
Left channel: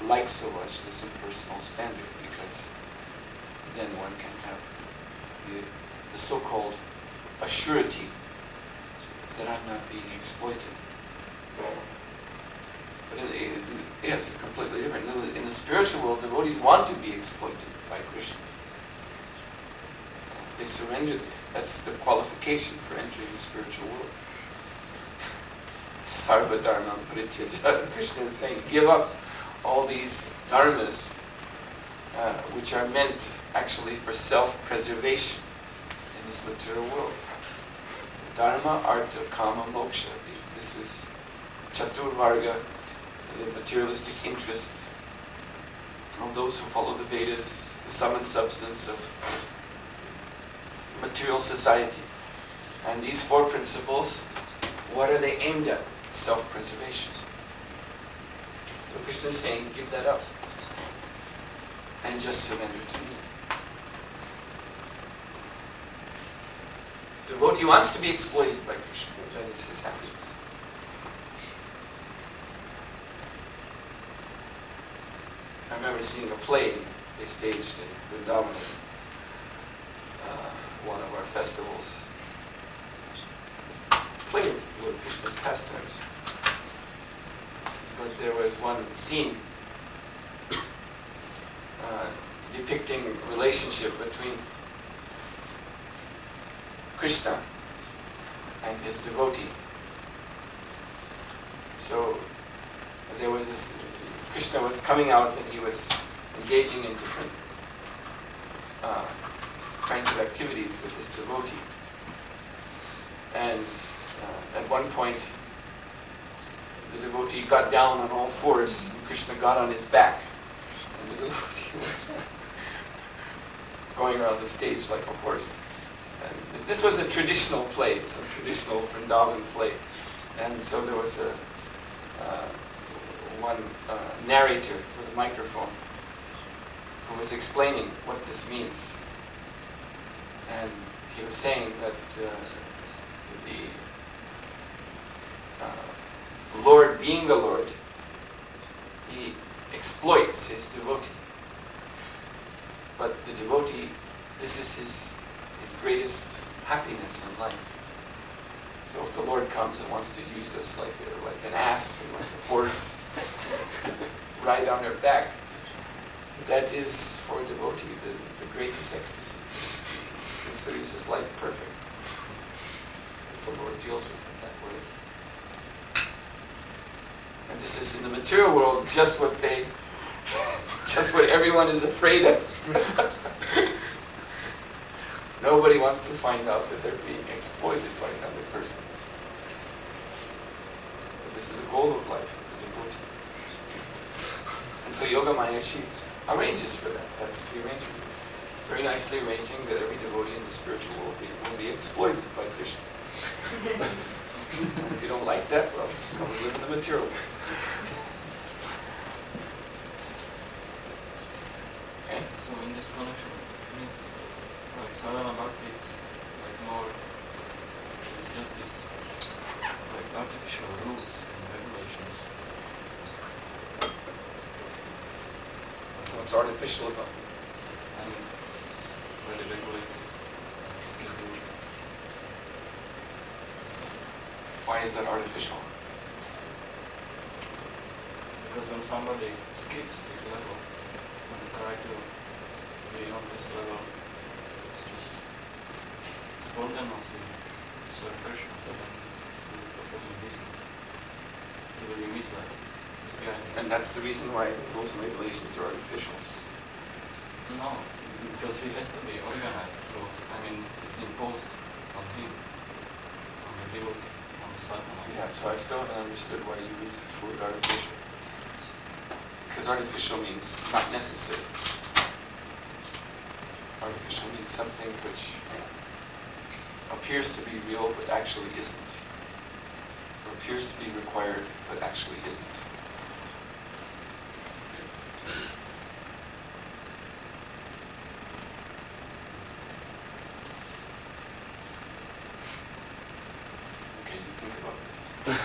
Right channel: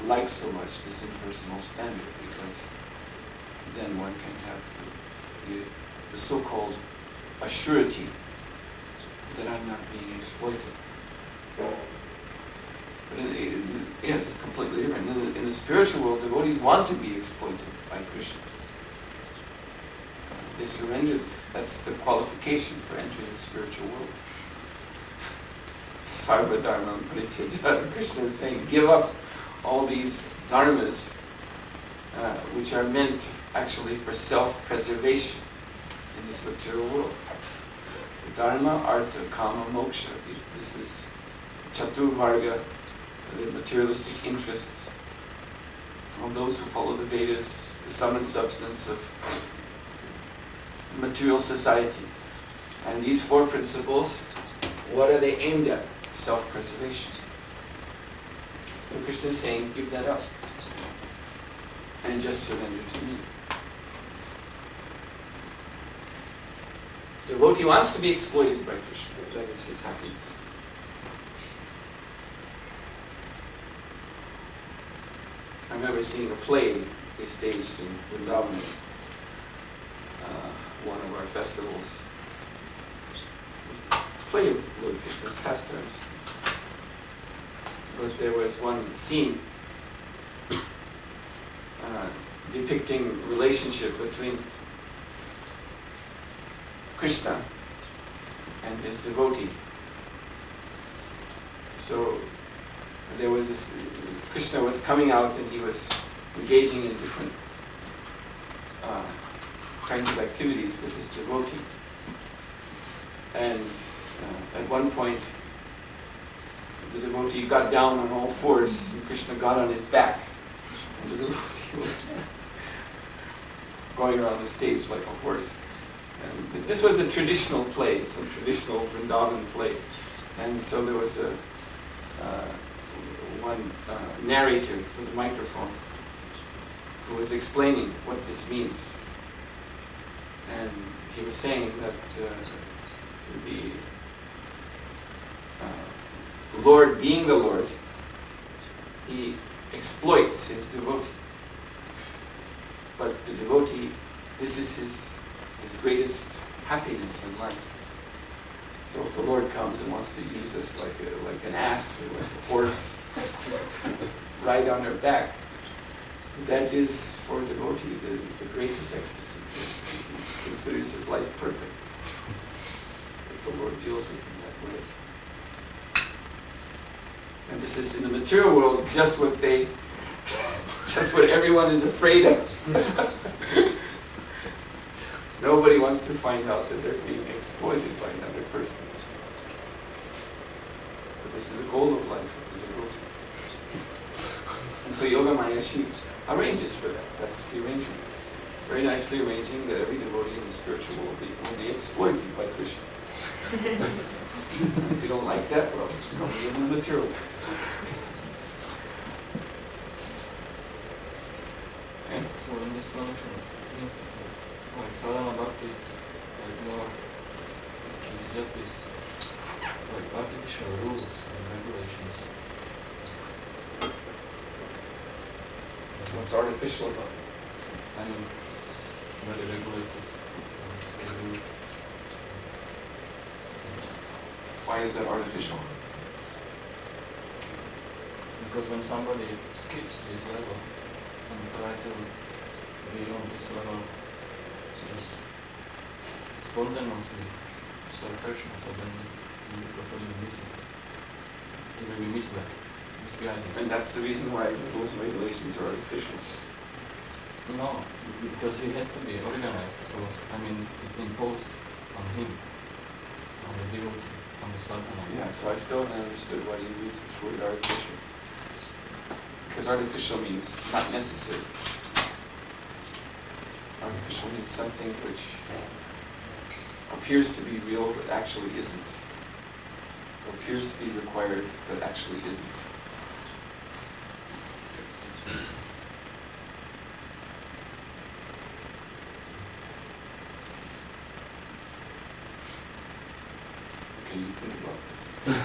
like so much this impersonal standard, because then one can have the so-called assurity that I'm not being exploited. But yes, it's completely different. In the spiritual world, devotees want to be exploited by Krishna. They surrender. That's the qualification for entering the spiritual world. Sarva dharma parityaja. Krishna is saying, give up all these dharmas which are meant actually for self-preservation in this material world. The dharma, artha, kama, moksha. This is chaturvarga, the materialistic interests of those who follow the Vedas, the sum and substance of material society. And these four principles, what are they aimed at? Self-preservation. So Krishna is saying, give that up and just surrender to me. The devotee wants to be exploited by Krishna. That is his happiness. I remember seeing a play they staged in Vrindavan at one of our festivals. Play of Lord Krishna's pastimes. But there was one scene depicting relationship between Krishna and his devotee. So there was this, Krishna was coming out and he was engaging in different kinds of activities with his devotee. And at one point, the devotee got down on all fours and Krishna got on his back. And the devotee was going around the stage like a horse. And this was a traditional play, some traditional Vrindavan play. And so there was one narrator with a microphone who was explaining what this means. And he was saying that the Lord, being the Lord, he exploits his devotee. But the devotee, this is his greatest happiness in life. So if the Lord comes and wants to use us like an ass or like a horse, ride on our back, that is for a devotee the greatest ecstasy. He considers his life perfect if the Lord deals with him that way. And this is in the material world just what everyone is afraid of. Nobody wants to find out that they're being exploited by another person. But this is the goal of life of the devotee. And so Yogamaya, she arranges for that. That's the arrangement. Very nicely arranging that every devotee in the spiritual world will be exploited by Krishna. And if you don't like that, well, you don't live in the material world. Okay? So in this connection, means like sadhana bhakti, it's like more, it's just this like artificial rules and regulations. What's artificial about it? I mean, it's very regulated, scheduled. Why is that artificial? Because when somebody skips this level and try to be on this level, just spontaneously serve Krishna, so then you will probably miss it. You will be misled, misguided. And that's the reason why rules and regulations are artificial. No, because he has to be organized, so I mean it's imposed on him, on the devotee, on the sadhana. Yeah, so I still haven't understood why you use this word artificial. Because artificial means not necessary. Artificial means something which appears to be real but actually isn't. or appears to be required but actually isn't. Okay, you think about this.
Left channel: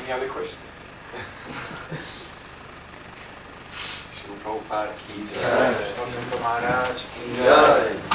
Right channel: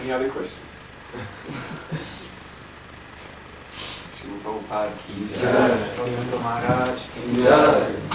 Any other questions? Srila Prabhupada ki jai. Maharaj ki jai.